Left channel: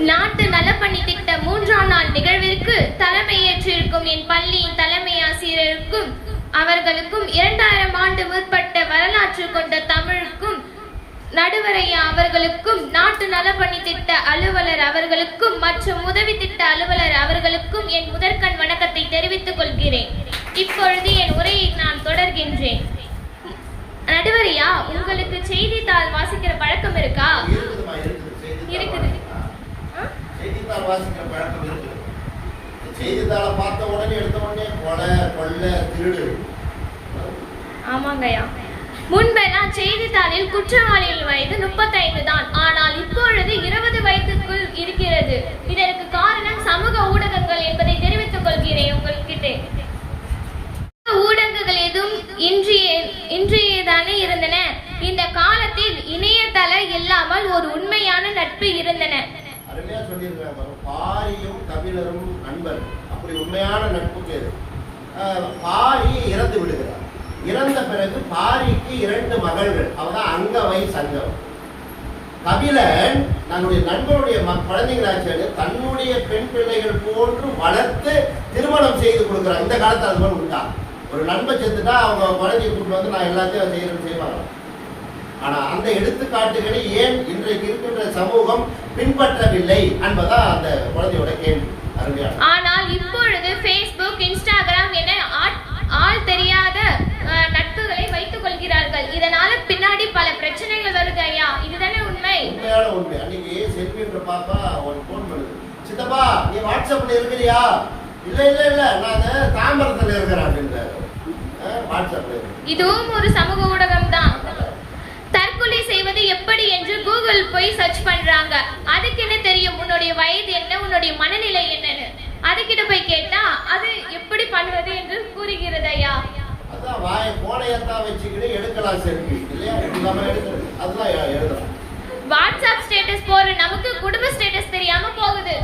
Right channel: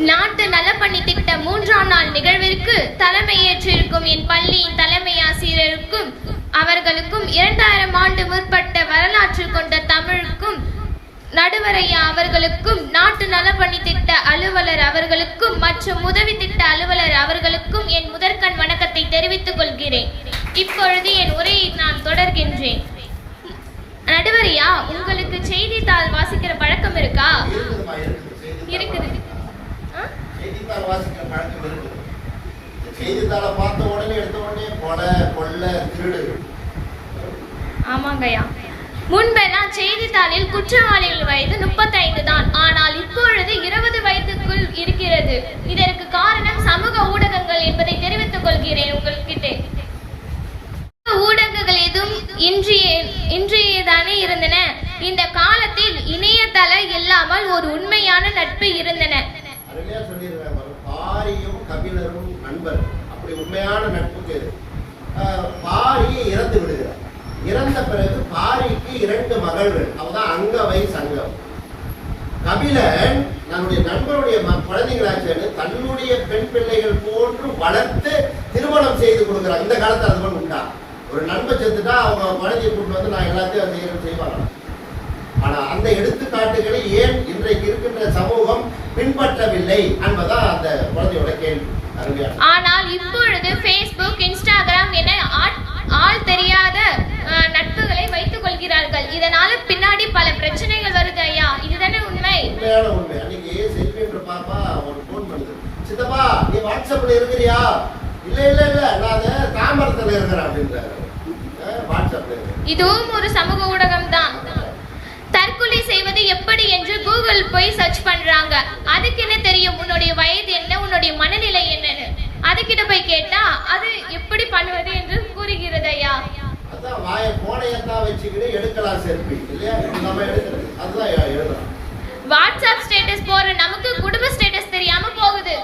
நாட்டு நலப்பணி திட்ட 3ஆம் நாள் நிகழ்விற்கு தலைமையேற்றிருக்கும் என் பள்ளியின் தலைமை ஆசிரியருக்கும் அவர்களுக்கும் 2000 ஆண்டு முற்பட்ட வரலாற்று கொண்ட தமிழுக்கும் நடுவரையா அவர்களுக்கும் நாட்டு நலப்பணி திட்ட அலுவலர் அவர்களுக்கும் மற்றும் உதவி திட்ட அலுவலர் அவர்களுக்கும் என் முதற்கண் வணக்கத்தை தெரிவித்துக் கொள்கிறேன். இப்பொழுது என் உரையை நான் தொடர்கின்றேன். நடுவரையா, உங்களுக்கு செய்தித்தாள் வாசிக்கிற பழக்கம் இருக்கா? இருக்குது. செய்தித்தாள் வாசிக்கிற பழக்கம் இருக்குது. செய்தித்தாளை பார்த்த உடனே எடுத்த உடனே கொலை கொள்ளை திருடு. ஆமாங்கய்யா, முன்பெல்லாம் செய்தித்தாளில் குற்றவாளிகள் வயது 35 தான். ஆனால் இப்பொழுது 20 வயதுக்குள் இருக்கிறது. இதற்கு காரணம் சமூக ஊடகங்கள் என்பதை தெரிவித்துக் கொள்கிறேன் உங்கள்கிட்ட. ஊடகங்கள் எதுவும் இன்றையதானே இருந்தன. இந்த காலத்தில் இணையதள இல்லாமல் ஒரு உண்மையான நட்பு இருந்தன. அருமையா சொல்லியிருக்காங்க. பாரியும் கபிலரும் நண்பர். அப்படி உண்மையான நட்புக்கு பாரி இறந்து விடுகிறார். இறந்த பிறகு பாரிக்கு 2 மகள்கள். அவதான் அங்கவை சங்கம். கபிலன் தன்னுடைய நண்பருடைய குழந்தைகளாச்சு தன்னுடைய பெண் பிள்ளைகள் போன்று வளர்த்து திருமணம் செய்து கொடுக்கிறார். இந்த காலத்தில் அது போல உண்டா? ஒரு நண்பர் செத்துட்டா அவங்க குழந்தைய கூட்டு வந்து நான் எல்லாத்தையும் செய்வாங்க. ஆனா அந்த எடுத்துக்காட்டுகளை ஏன் இன்றைக்கு இருக்கின்ற சமூகம் பின்பற்றவில்லை என்பதா அந்த குழந்தையோட கேள்வி. அருமையான. ஆனால் இப்பொழுது Facebook, Instagram என ஆள் தெரியாத நட்புகளை வைத்துக் கொள்கிறார்கள். இதனால பின்னாடி பல பிரச்சனைகள் வருது ஐயா. இதுதானே உண்மை? உண்மையான உண்மை. அன்னைக்கு செல்வி என்ற பாப்பா ஒரு போன் பண்ணுது. சித்தப்பா, நீ வாட்ஸ்அப்ல இருக்கிறியா? இல்ல இல்ல இல்ல, நான் தாம்பரத்துல இருக்கிறேன் அப்படின்றாரு. வாட்ஸ்அப்ல. இதுவும் ஒரு சமூக ஊடகம் தான். தற்கொலை செய்வது எப்படி என்று கூகுள் போய் சர்ச் பண்றாங்க. அதுக்கு என்ன தெரியும் உன்னுடைய வயது என்ன, உன்னுடைய மனநிலை என்னன்னு? அதுக்கிட்ட போய் கேட்டா அது எப்படி பண்ணுவது என்று கூறுகிறது ஐயா. அதான் வாயை போனையத்தான் வச்சுக்கிட்டு எடுக்கலாம் செல்ஃபி இல்லையா? நம்ம எடுக்கிறது அதெல்லாம் எழுதலாம். வாட்ஸ்அப் ஸ்டேட்டஸ் போற நமக்கு குடும்ப ஸ்டேட்டஸ் தெரியாம போகுது.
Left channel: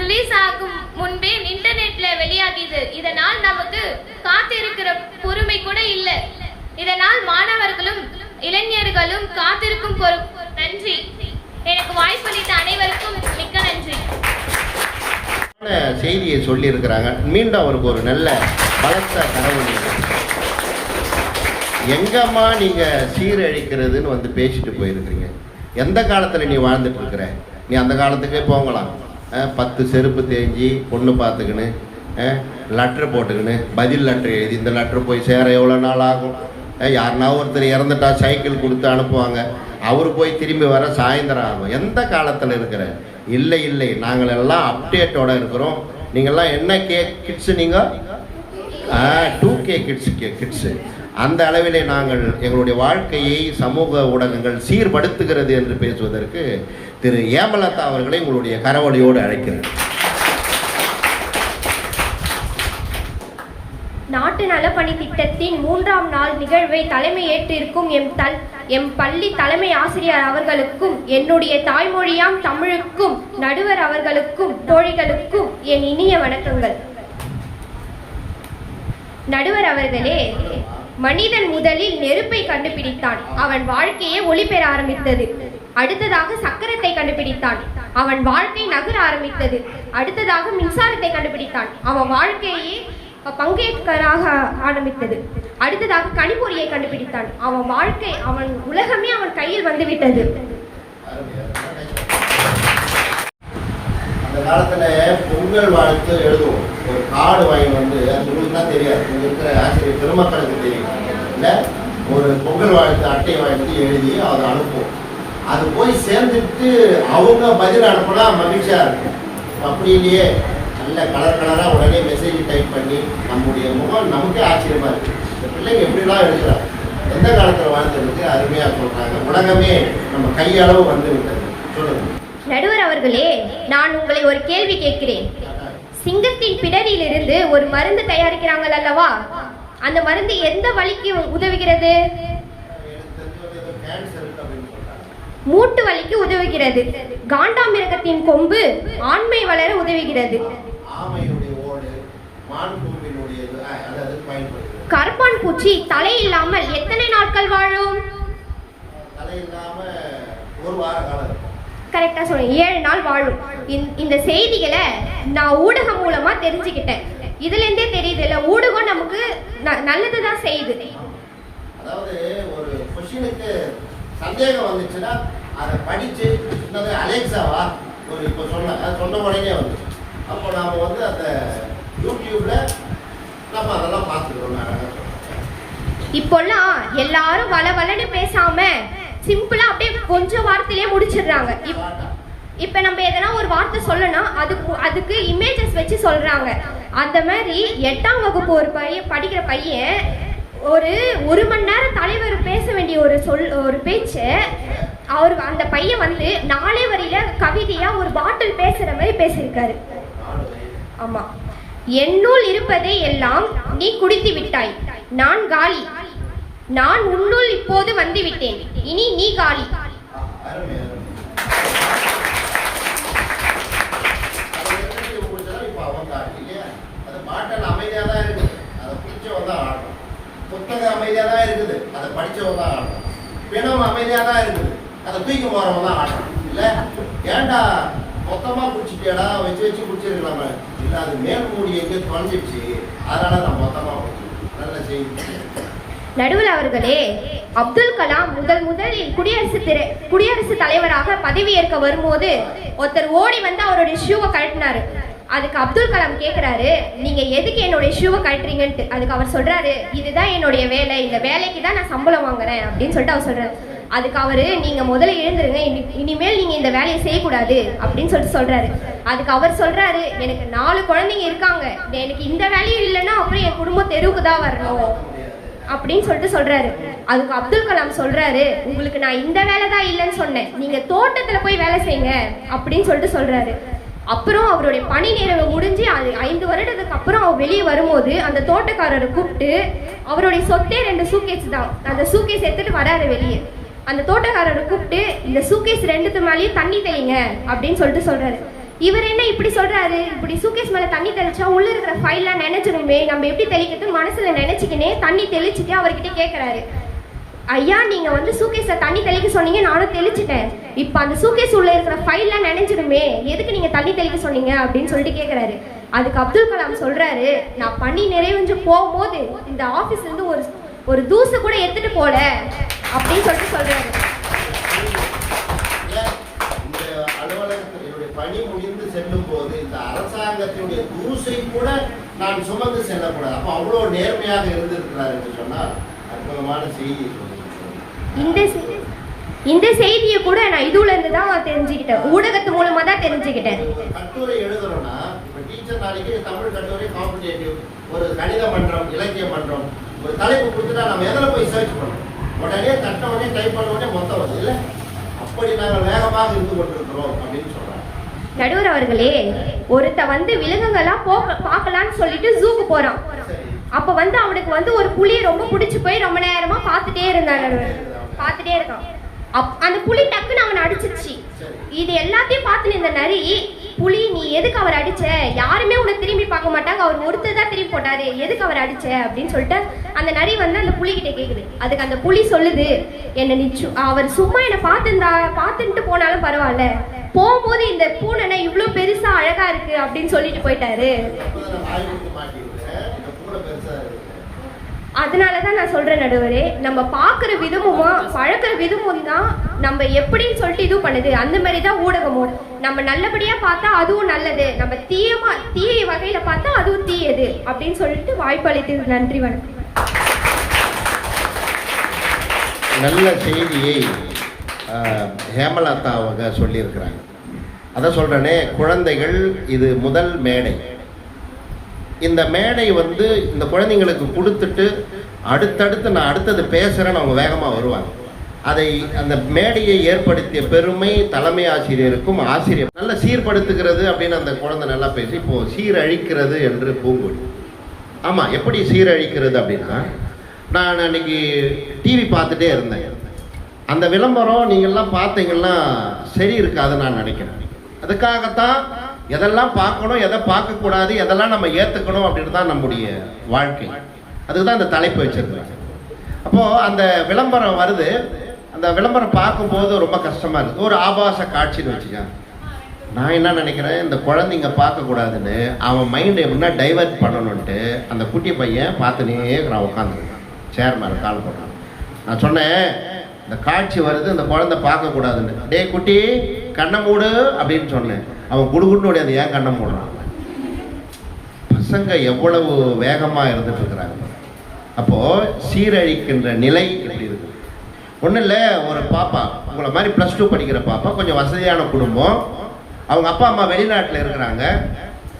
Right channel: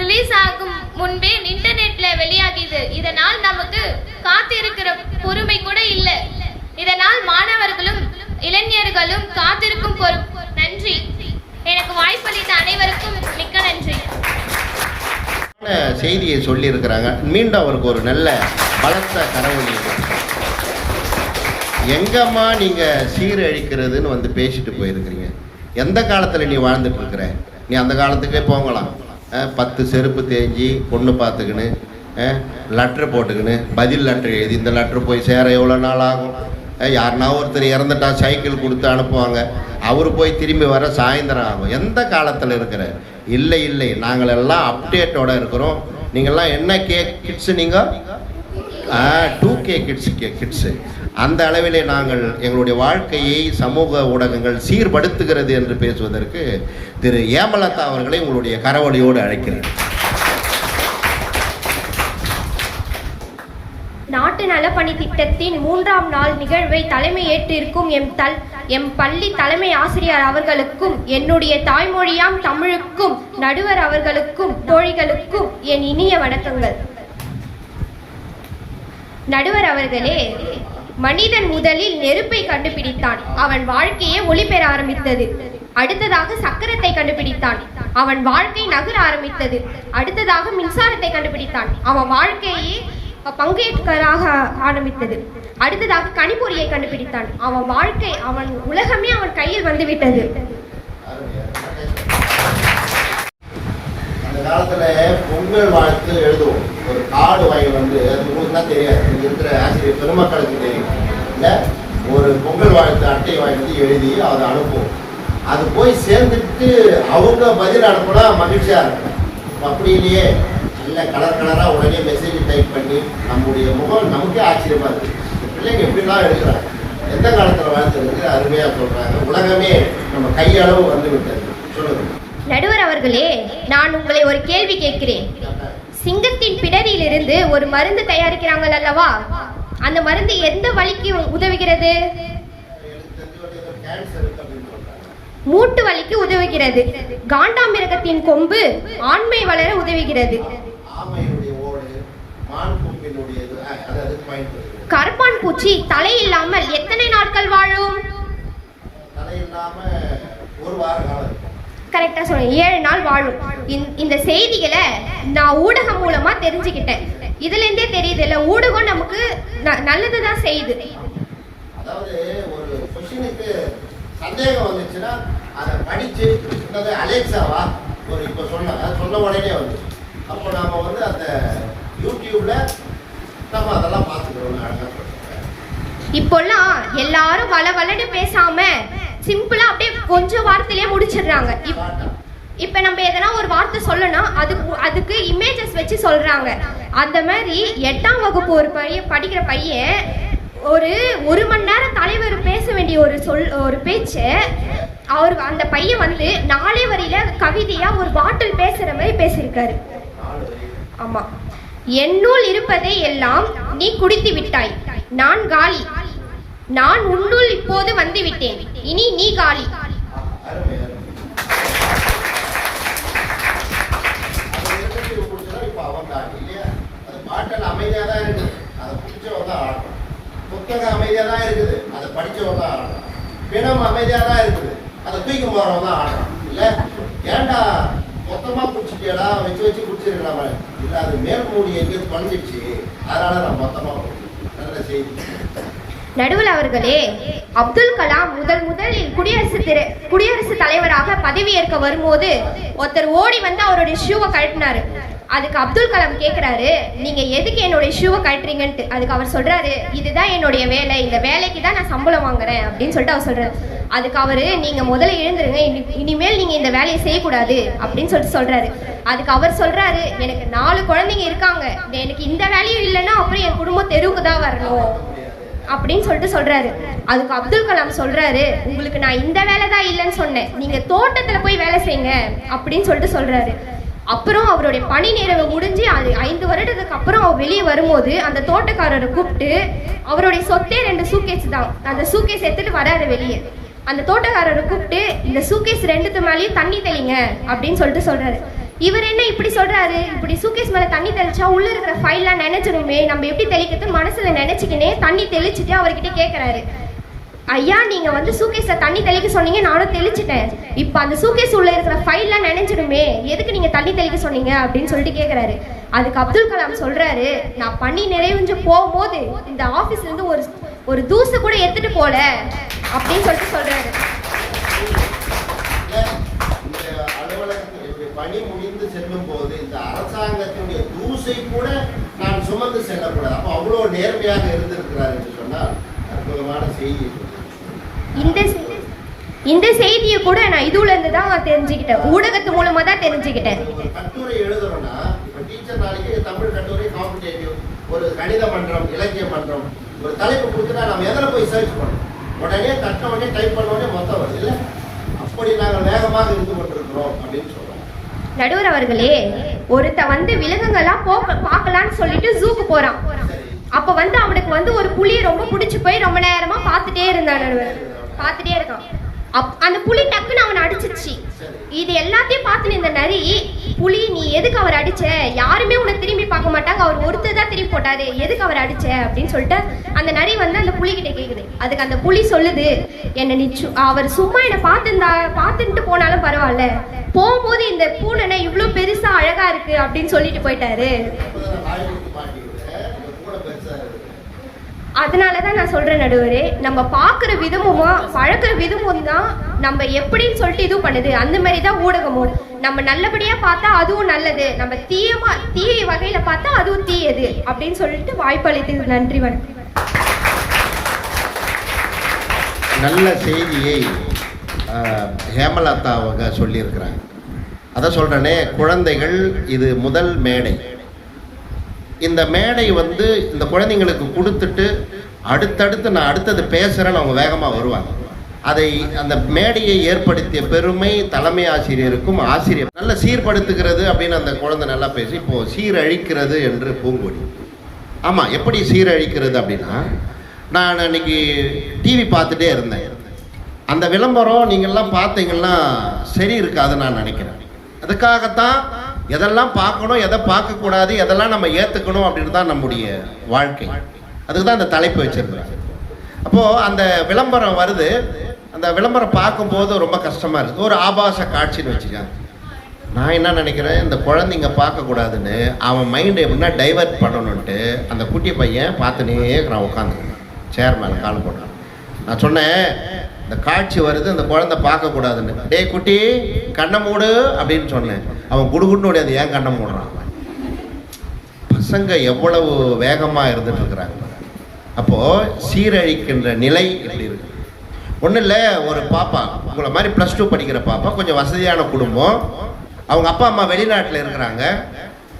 ரிலீஸ் ஆகும் முன்பே இன்டர்நெட்ல வெளியாகிது. இதனால் நமக்கு காத்திருக்கிற பொறுமை கூட இல்ல. இதனால் மாணவர்களும் இளைஞர்களும் காத்திருக்கும் நன்றி. எனக்கு வாய்ப்பளித்த அனைவருக்கும் மிக்க நன்றி. செய்தியை சொல்லி இருக்கிறாங்க. மீண்டும் அவருக்கு ஒரு நல்ல பலத்த கனவு. எங்கம்மா நீங்க சீரழிக்கிறதுன்னு வந்து பேசிட்டு போயிருக்கிறீங்க. எந்த காலத்துல நீ வாழ்ந்துட்டு இருக்கிற? நீ அந்த காலத்துக்கே போகலாம். 10 செருப்பு தேஞ்சி பொண்ணு பார்த்துக்கின்னு லெட்ரு போட்டுக்கின்னு பதில் லெட்ரு எழுதி இந்த லெட்ரு போய் சேர எவ்வளோ நாள் ஆகும்? யாருன்னா ஒருத்தர் இறந்துட்டா சைக்கிள் கொடுத்து அனுப்புவாங்க. அவர் போய் திரும்பி வர சாயந்தரம் ஆகும். எந்த காலத்தில் இருக்கிற? இல்லை இல்லை, நாங்கள் எல்லாம் அப்டேட்டோட இருக்கிறோம். நீங்கள்லாம் என்ன கிட்ஸு? நீங்கள் 2K கிட்ஸு. அந்த அளவிலே நாங்கள் எங்களுடைய வாழ்க்கையை சமூக ஊடகங்கள் சீர்படுத்துகிறது என்று பேசுவதற்கு திரு ஏமலதா அவர்களை உங்களுடைய கரவொலியோடு அழைக்கிறேன். நாட்டு நலப்பணி திட்டத்தின் 3ஆம் நாள் நிகழ்வை தலைமையேற்றிருக்கும் எம் பள்ளி தலைமை ஆசிரியர் அவர்களுக்கும் என்னுடைய தாய்மொழியாம் தமிழுக்கும் நடுவர் அவர்களுக்கும் தோழிகளுக்கும் என் இனிய வணக்கங்கள். நடுவர் அவர்களே, மனிதன் முதலில் நெருப்பை கண்டுபிடித்தான். அவன் வாழ்க்கையை ஒளி பெற ஆரம்பித்தது. அடுத்ததாக சக்கரத்தை கண்டுபிடித்தான். அவன் வாழ்க்கை நகர ஆரம்பித்தது. அடுத்ததாக மின்சாரத்தை கண்டுபிடித்தான். அவன் வாழ்க்கையை பங்கேற்கராக ஆரம்பித்தது. அடுத்ததாக கணிப்பொறியை கண்டுபிடித்தான். அவன் வாழ்க்கை, அவன் உலகமே அவன் கையில் வந்துவிட்டது. அந்த காலத்துல பொங்கல் வாழ்த்து எழுதுவோம். ஒரு கார்டு வாங்கி வந்து, அது உங்களுக்குலாம் தெரியாது, இங்க இருக்கிற ஆசிரியர் பெருமக்களுக்கு தெரியும் இல்லை? ஒரு பொங்கல் வாழ்த்து அட்டை வாங்கி வந்து எழுதி அதை அனுப்புவோம். அது போய் சேர்ந்துட்டு அவங்க பதில் அனுப்புனா மகிழ்ச்சியா இருக்கும். அப்படி இல்லையே, நல்ல கலர் கலராக உடனே மெசேஜ் டைப் பண்ணி நம்முடைய முகம் நமக்கே ஆச்சரியமா இருக்கு. இந்த பிள்ளைங்க எப்படிலாம் எழுதுறாங்க, எந்த காலத்தில் வாழ்த்துறதுக்கு அருமையாக சொல்றாங்க. உலகமே நம்ம கையளவு வந்து விட்டது. சொல்லுங்க நடுவர் அவர்களே, நான் உங்களை ஒரு கேள்வி கேட்கிறேன். சிங்கத்தின் பிடரியிலிருந்து ஒரு மருந்து தயாரிக்கிறாங்கள் அல்லவா? அந்த மருந்து எந்த வலிக்கு உதவுகிறது? மூட்டு வலிக்கு உதவுகிறது. காண்டாமிருகத்தின் கொம்பு ஆண்மை வளர உதவுகிறது. ஆமையுடைய ஓடு மான் கொம்பினுடையது, அது பயன்படுகிறது. கரப்பான் பூச்சி தலை இல்லாமல் எத்தனை நாட்கள் வாழும்? தலை இல்லாம ஒரு வார காலம் இருக்கும். கரெக்டா சொல்லுங்க, 7 நாள் வாழும். இந்த செய்திகளை நான் ஊடகம் மூலமா தெரிஞ்சுக்கிட்டேன். இதுல இருந்தே தெரியுது இல்ல, ஊடகம் நமக்கு நல்லதுதான் செய்யுது. அதாவது ஒரு கொஸ்டினுக்கு சந்தேகம் வந்துச்சுன்னா அதை படிச்சு அலெக்சாவா ஒரு இப்போ சொன்ன உடனே வந்து அப்போ நாம வந்து அந்த யூடியூப்ல நம்ம அதெல்லாம் பார்த்துக்கிறோம். இப்போல்லாம் எல்லாரும் வளவலன்னு பேசாம சிம்பிளா அப்படியே கொஞ்சம் வார்த்தையிலேயே முடிச்சிடுறாங்க. இப்ப நம்ம எதனா ஒரு வார்த்தை சொல்லணும், அதுக்கு இமேஜஸ் வச்சு சொல்றாங்க. அந்த மாதிரி 8ஆம் வகுப்பு ஒரு படிக்கிற பையன் ஒரு மணி நேரம் தலைவர் பேச வேண்டிய ஒரு பேச்சு அவர் அந்த பையன் வந்து 4 வரியில கவிதையா ஒரு பாட்டில் பேசுற மாதிரி பேசியிருக்காரு. ஆமா, என்னுள் இருப்பதை எல்லாம் நீ குடித்து விட்டாய், நான் காலி, நான் உன்னுள் இப்போது வந்து விட்டேன், இனி நீ காலி. அமைதியா தான் இருக்கு, அதை பிடிச்சவங்க தான் ஆடணும். புத்தகம் அமைதியா தான் இருக்குது, அதை படிச்சவங்க தான் ஆடணும். பிணம் அமைதியா தான் இருக்குது, அதை தூக்கி போறவங்க தான் ஆடணும். இல்ல ஏண்டா மொத்தமா குடிச்சிட்டியடா, வச்சு குடிச்சிருக்கலாமா? இல்ல அது மேல் மூடி எங்கேயோ தொலைஞ்சிடுச்சு, அதனால நான் மொத்தமா நல்ல செய்தி. நடுவர் அவர்களே, அப்துல் கலாம் முதலில் குடியரசுத் தலைவராக பதவியேற்க வரும்போது ஒருத்தர் ஓடி வந்து அவருடைய ஷூவை கழட்டினாரு. அதுக்கு அப்துல் கலாம் கேட்கிறாரு, நீங்க எதுக்கு என்னுடைய ஷூவை கழட்டுறீங்கன்ட்டு. அதுக்கு அவர் சொல்றாரு, இதுதான் என்னுடைய வேலை, இந்த வேலைக்கு தான் நான் சம்பளம் வாங்குறேன் அப்படின்னு சொல்லிட்டு அவர் சொல்றாரு. அதுக்கு அவரு, நீங்க முதல்ல எழுந்துருங்க, இனிமேல் நீங்க இந்த வேலையை செய்யக்கூடாது அப்படின்னு சொல்றாரு. அதுக்கு அவர் சொல்றாரு, எனக்கு 4 குழந்தைங்க இருக்காங்க, எனக்கு இந்த வேலையும் இல்லைன்னா அப்புறம் என் குடும்பம் தெருவுக்கு தான் வரணும் அப்படின்னு சொல்றாரு. அதுக்கு அப்துல் கலாம் சொல்றாரு, உங்களுக்கு நான் இந்த வேலை தான் இல்லைன்னு சொன்னேன், நீங்க தோட்டத்துல போய் வேலை செய்யுங்க அப்படின்னு சொல்றாரு. அப்புறம் அவருடைய பணி நேரம் முடிஞ்சு 5 வருடத்துக்கு அப்புறம் அவர் வெளியே வரும்போது அந்த தோட்டக்காரரை கூப்பிட்டு, அவருடைய சொத்தே 2 சூக்கேஸ் தான், அந்த சூக்கேஸ் எடுத்துட்டு வராரு வெளியே. அந்த தோட்டக்காரரை கூப்பிட்டு, இந்த சூக்கேஸ் 2த்து மேலேயும் தண்ணி தெளிங்க அப்படின்னு சொல்றாரு. இவர் என்ன இப்படி சொல்றாரு, இப்படி சூக்கேஸ் மேல தண்ணி தெளிச்சா உள்ள இருக்கிற ஃபைல்லாம் நினைச்சிருமே, நம்ம எப்படி தெளிக்கிறது மனசுல நினைச்சுக்கினே தண்ணி தெளிச்சுட்டு அவர்கிட்ட கேட்கிறாரு, ஐயா நீங்க வந்து சூக்கேஸ்ல தண்ணி தெளிக்க சொன்னீங்க, நானும் தெளிச்சிட்டேன், இப்ப அந்த சூக்கேஸ் உள்ள இருக்கிற ஃபைல்லாம் நினைச்சிடுமே, எதுக்கு நீங்க தண்ணி தெளிக்க சொன்னீங்க அப்படின்னு சொல்லிட்டு கேட்கிறாரு. அதுக்கு அப்துல் கலாம் சொல்றாரு, நான் பணி நிறைவேஞ்சு போகும்போது இந்த ஆபீஸ்ல இருந்து ஒரு தூசு கூட எடுத்துட்டு போல அப்படின்னு சொல்றாரு. பணி முடிந்து செல்லும் போது இந்த அரசாங்கத்தினுடைய தூசை கூட நான் சுமந்து செல்லக்கூடாது. அப்போ அவ்வளவு நேர்மையாக இருந்திருக்கிறார் என்று சொன்னால் அற்புதமான செய்தி. இந்த செய்தியை கூட நான் இதுல இருந்து தான் தெரிஞ்சுக்கிட்டேன், ஊடகத்து மூலமா தான் தெரிஞ்சுக்கிட்டேன். ஒரு கட்டுரை எழுதணும்னா இப்ப டீச்சர் நாளைக்கு தமிழ் கட்டுரை, காம்படிட்டிவ், ஒரு கணித மன்றம், இலக்கிய மன்றம், ஒரு தலைப்பு கொடுத்துட்டா நம்ம எதில் போய் சர்ச் பண்ணணும்? உடனே தட்ட உடனே டைப் பண்ண உடனே மொத்தம் வருது இல்லை? அப்படி நாங்கள் வேகமாக இருந்து கொண்டிருக்கிறோம் அப்படின்னு சொல்றாங்க. நடுவர் அவர்களே, ஒருத்த வந்து விலங்குகள்லாம் பார்க்கலான்னு சொல்லிட்டு ஜூக்கு போறான். அப்ப வந்து அவனுக்கு வந்து ஒரு புலியை ரொம்ப பிடிச்சு போய் ரொம்ப நேரமா பார்த்துட்டே இருக்கான். அந்த புலி டக்குன்னு அவனை அடிச்சிருச்சு. இது எல்லாத்தையும் பார்த்து இந்த நரி, புலி நீ எதுக்கு அவர் அடிச்ச, யாருமே உன்னை திரும்பி பார்க்க மாட்டாங்க, அவர் ஒருத்தர் தான் திரும்பி போட்டாரு, எதுக்கு அவர் அடிச்ச அப்படின்னு சொல்லிட்டு அந்த நரி வந்து அந்த புலி கிட்ட கேக்குது. அதுக்கு அந்த புலி சொல்லுது, என்ன நீ அவர் சும்மா என்னை பார்த்துட்டு போனாலும் பரவாயில்ல, போகும்போது இந்த பூனை இவ்வளவு பெருசா அழகா இருக்கு அப்படின்னு சொல்லிட்டு போயிட்டாரு. அதனாலதான் நான் சொல்றேன் நடுவரே, நம்ம பாக்குற விதமும் பழக்கிற விதமும் தான் நம்ம எப்படின்னு சொல்லிட்டு இது பண்ணுது. அந்த மாதிரிதான் ஊடகமும், நம்ம நல்லபடியா பார்த்தா அதுவும் நல்லது, நம்ம தீய வகையில பார்த்தா அதுவும் தீயது அப்படின்னு சொல்லிட்டு வாய்ப்பு அளித்தது. நன்றி, வணக்கம். நல்ல செய்தியை ஹேமலதா அவங்க சொல்லியிருக்கிறாங்க. அதை சொல்றேனே, குழந்தைகள் இது முதல் மேடை. இந்த மேடை வந்து இந்த குழந்தைங்களுக்கு கொடுத்துட்டு அடுத்தடுத்து நான் அடுத்தது பேசுகிறேன்னு அவங்க வேகமாக வருவாங்க. அந்த மேடையை ஏற்படுத்திய பெருமை தலைமை ஆசிரியருக்கும், ஆசிரியர் நல்ல சீர்படுத்துகிறது அப்படின்னு அந்த குழந்தை நல்லா பேசி, இப்போ சீரழிக்கிறது என்று பூங்கொடி. ஆமாம், எப்படி சீரழிக்கிறது அப்படின்னா, நான் அன்னைக்கு டிவி பார்த்துட்டே இருந்தேன். அந்த விளம்பரம் நீங்கள்லாம் பார்த்தீங்கன்னா சரி இருக்காதுன்னு நான் நினைக்கிறேன். அதுக்காகத்தான் எதெல்லாம் பார்க்கணும், எதை பார்க்கக்கூடாது, எதெல்லாம் நம்ம ஏற்றுக்கணும் அப்படின்னு தான் நம்முடைய வாழ்க்கை. அதுக்கு தான் அந்த தலைப்பு வச்சிருக்கேன். அப்போது அந்த விளம்பரம் வருது, அந்த விளம்பரம் பார்க்கும்போது ரொம்ப கஷ்டமாக இருக்குது. ஒரு ஆபாச காட்சின்னு வச்சுக்கேன். நான் என்ன நினைக்கிறேன், இந்த குழந்தைங்க பார்க்கக்கூடாதுன்னு அவன் மைண்டை எப்படின்னா டைவர்ட் பண்ணணுன்ட்டு அந்த குட்டி பையன் பார்த்துனே நான் உட்காந்துருக்கேன், சேர் மேலே கால் போடுறேன். நான் சொன்னேன், இந்த காட்சி வருது, இந்த குழந்தை பார்க்கக்கூடாதுன்னு. டே குட்டி கண்ணை மூடு அப்படின்னு சொன்னேன். அவன் குடுகுடுன்னு உடையாது, ஏன் கண்ணை மூடுறான்? பசங்க எவ்வளவு வேகமாக இருந்துட்டு இருக்கிறாங்க. அப்போது சீரழிக்கின்ற நிலை எப்படி இருக்கு? ஒன்றும் இல்லை, ஒரு பாப்பா உங்களை மாதிரி +2 படிக்கிற பாப்பா, கொஞ்சம் வசதியான குடும்பம், அவங்க அப்பா அம்மா வெளிநாட்டில் இருக்கிறாங்க.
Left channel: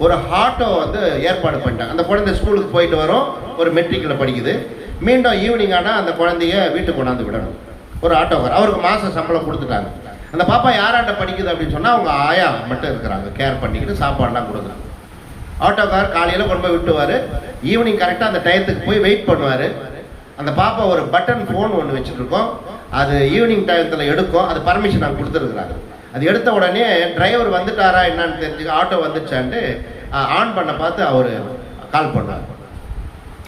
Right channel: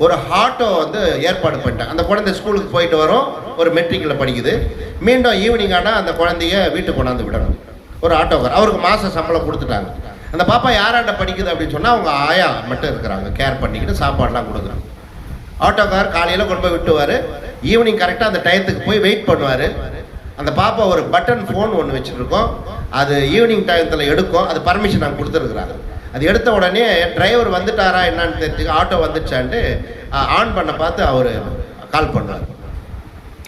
ஒரு ஆட்டோ வந்து ஏற்பாடு பண்ணிட்டாங்க. அந்த குழந்தை ஸ்கூலுக்கு போயிட்டு வரும், ஒரு மெட்ரிக்கில் படிக்குது. மீண்டும் ஈவினிங் ஆனால் அந்த குழந்தைய வீட்டுக்கு கொண்டாந்து விடணும். ஒரு ஆட்டோக்கார், அவருக்கு மாத சம்பளம் கொடுத்துட்டாங்க. அந்த பாப்பா யாராண்ட படிக்குது அப்படின்னு சொன்னால் அவங்க ஆயா மட்டும் இருக்கிறாங்க, கேர் பண்ணிக்கிட்டு சாப்பாடெலாம் கொடுக்குறாங்க. ஆட்டோக்கார் காலையில் கொண்டு போய் விட்டுவார், ஈவினிங் கரெக்டாக அந்த டயத்துக்கு போய் வெயிட் பண்ணுவார். அந்த பாப்பா ஒரு பட்டன் ஃபோன் ஒன்று வச்சுருக்கோம், அது ஈவினிங் டயத்தில் எடுக்கும். அது பர்மிஷன் நாங்கள் கொடுத்துருக்குறாங்க. அது எடுத்த உடனே டிரைவர் வந்துட்டாரா என்னன்னு தெரிஞ்சு ஆட்டோ வந்துச்சான்ட்டு ஆன் பண்ண பார்த்து அவர் கால் பண்ணுவார்.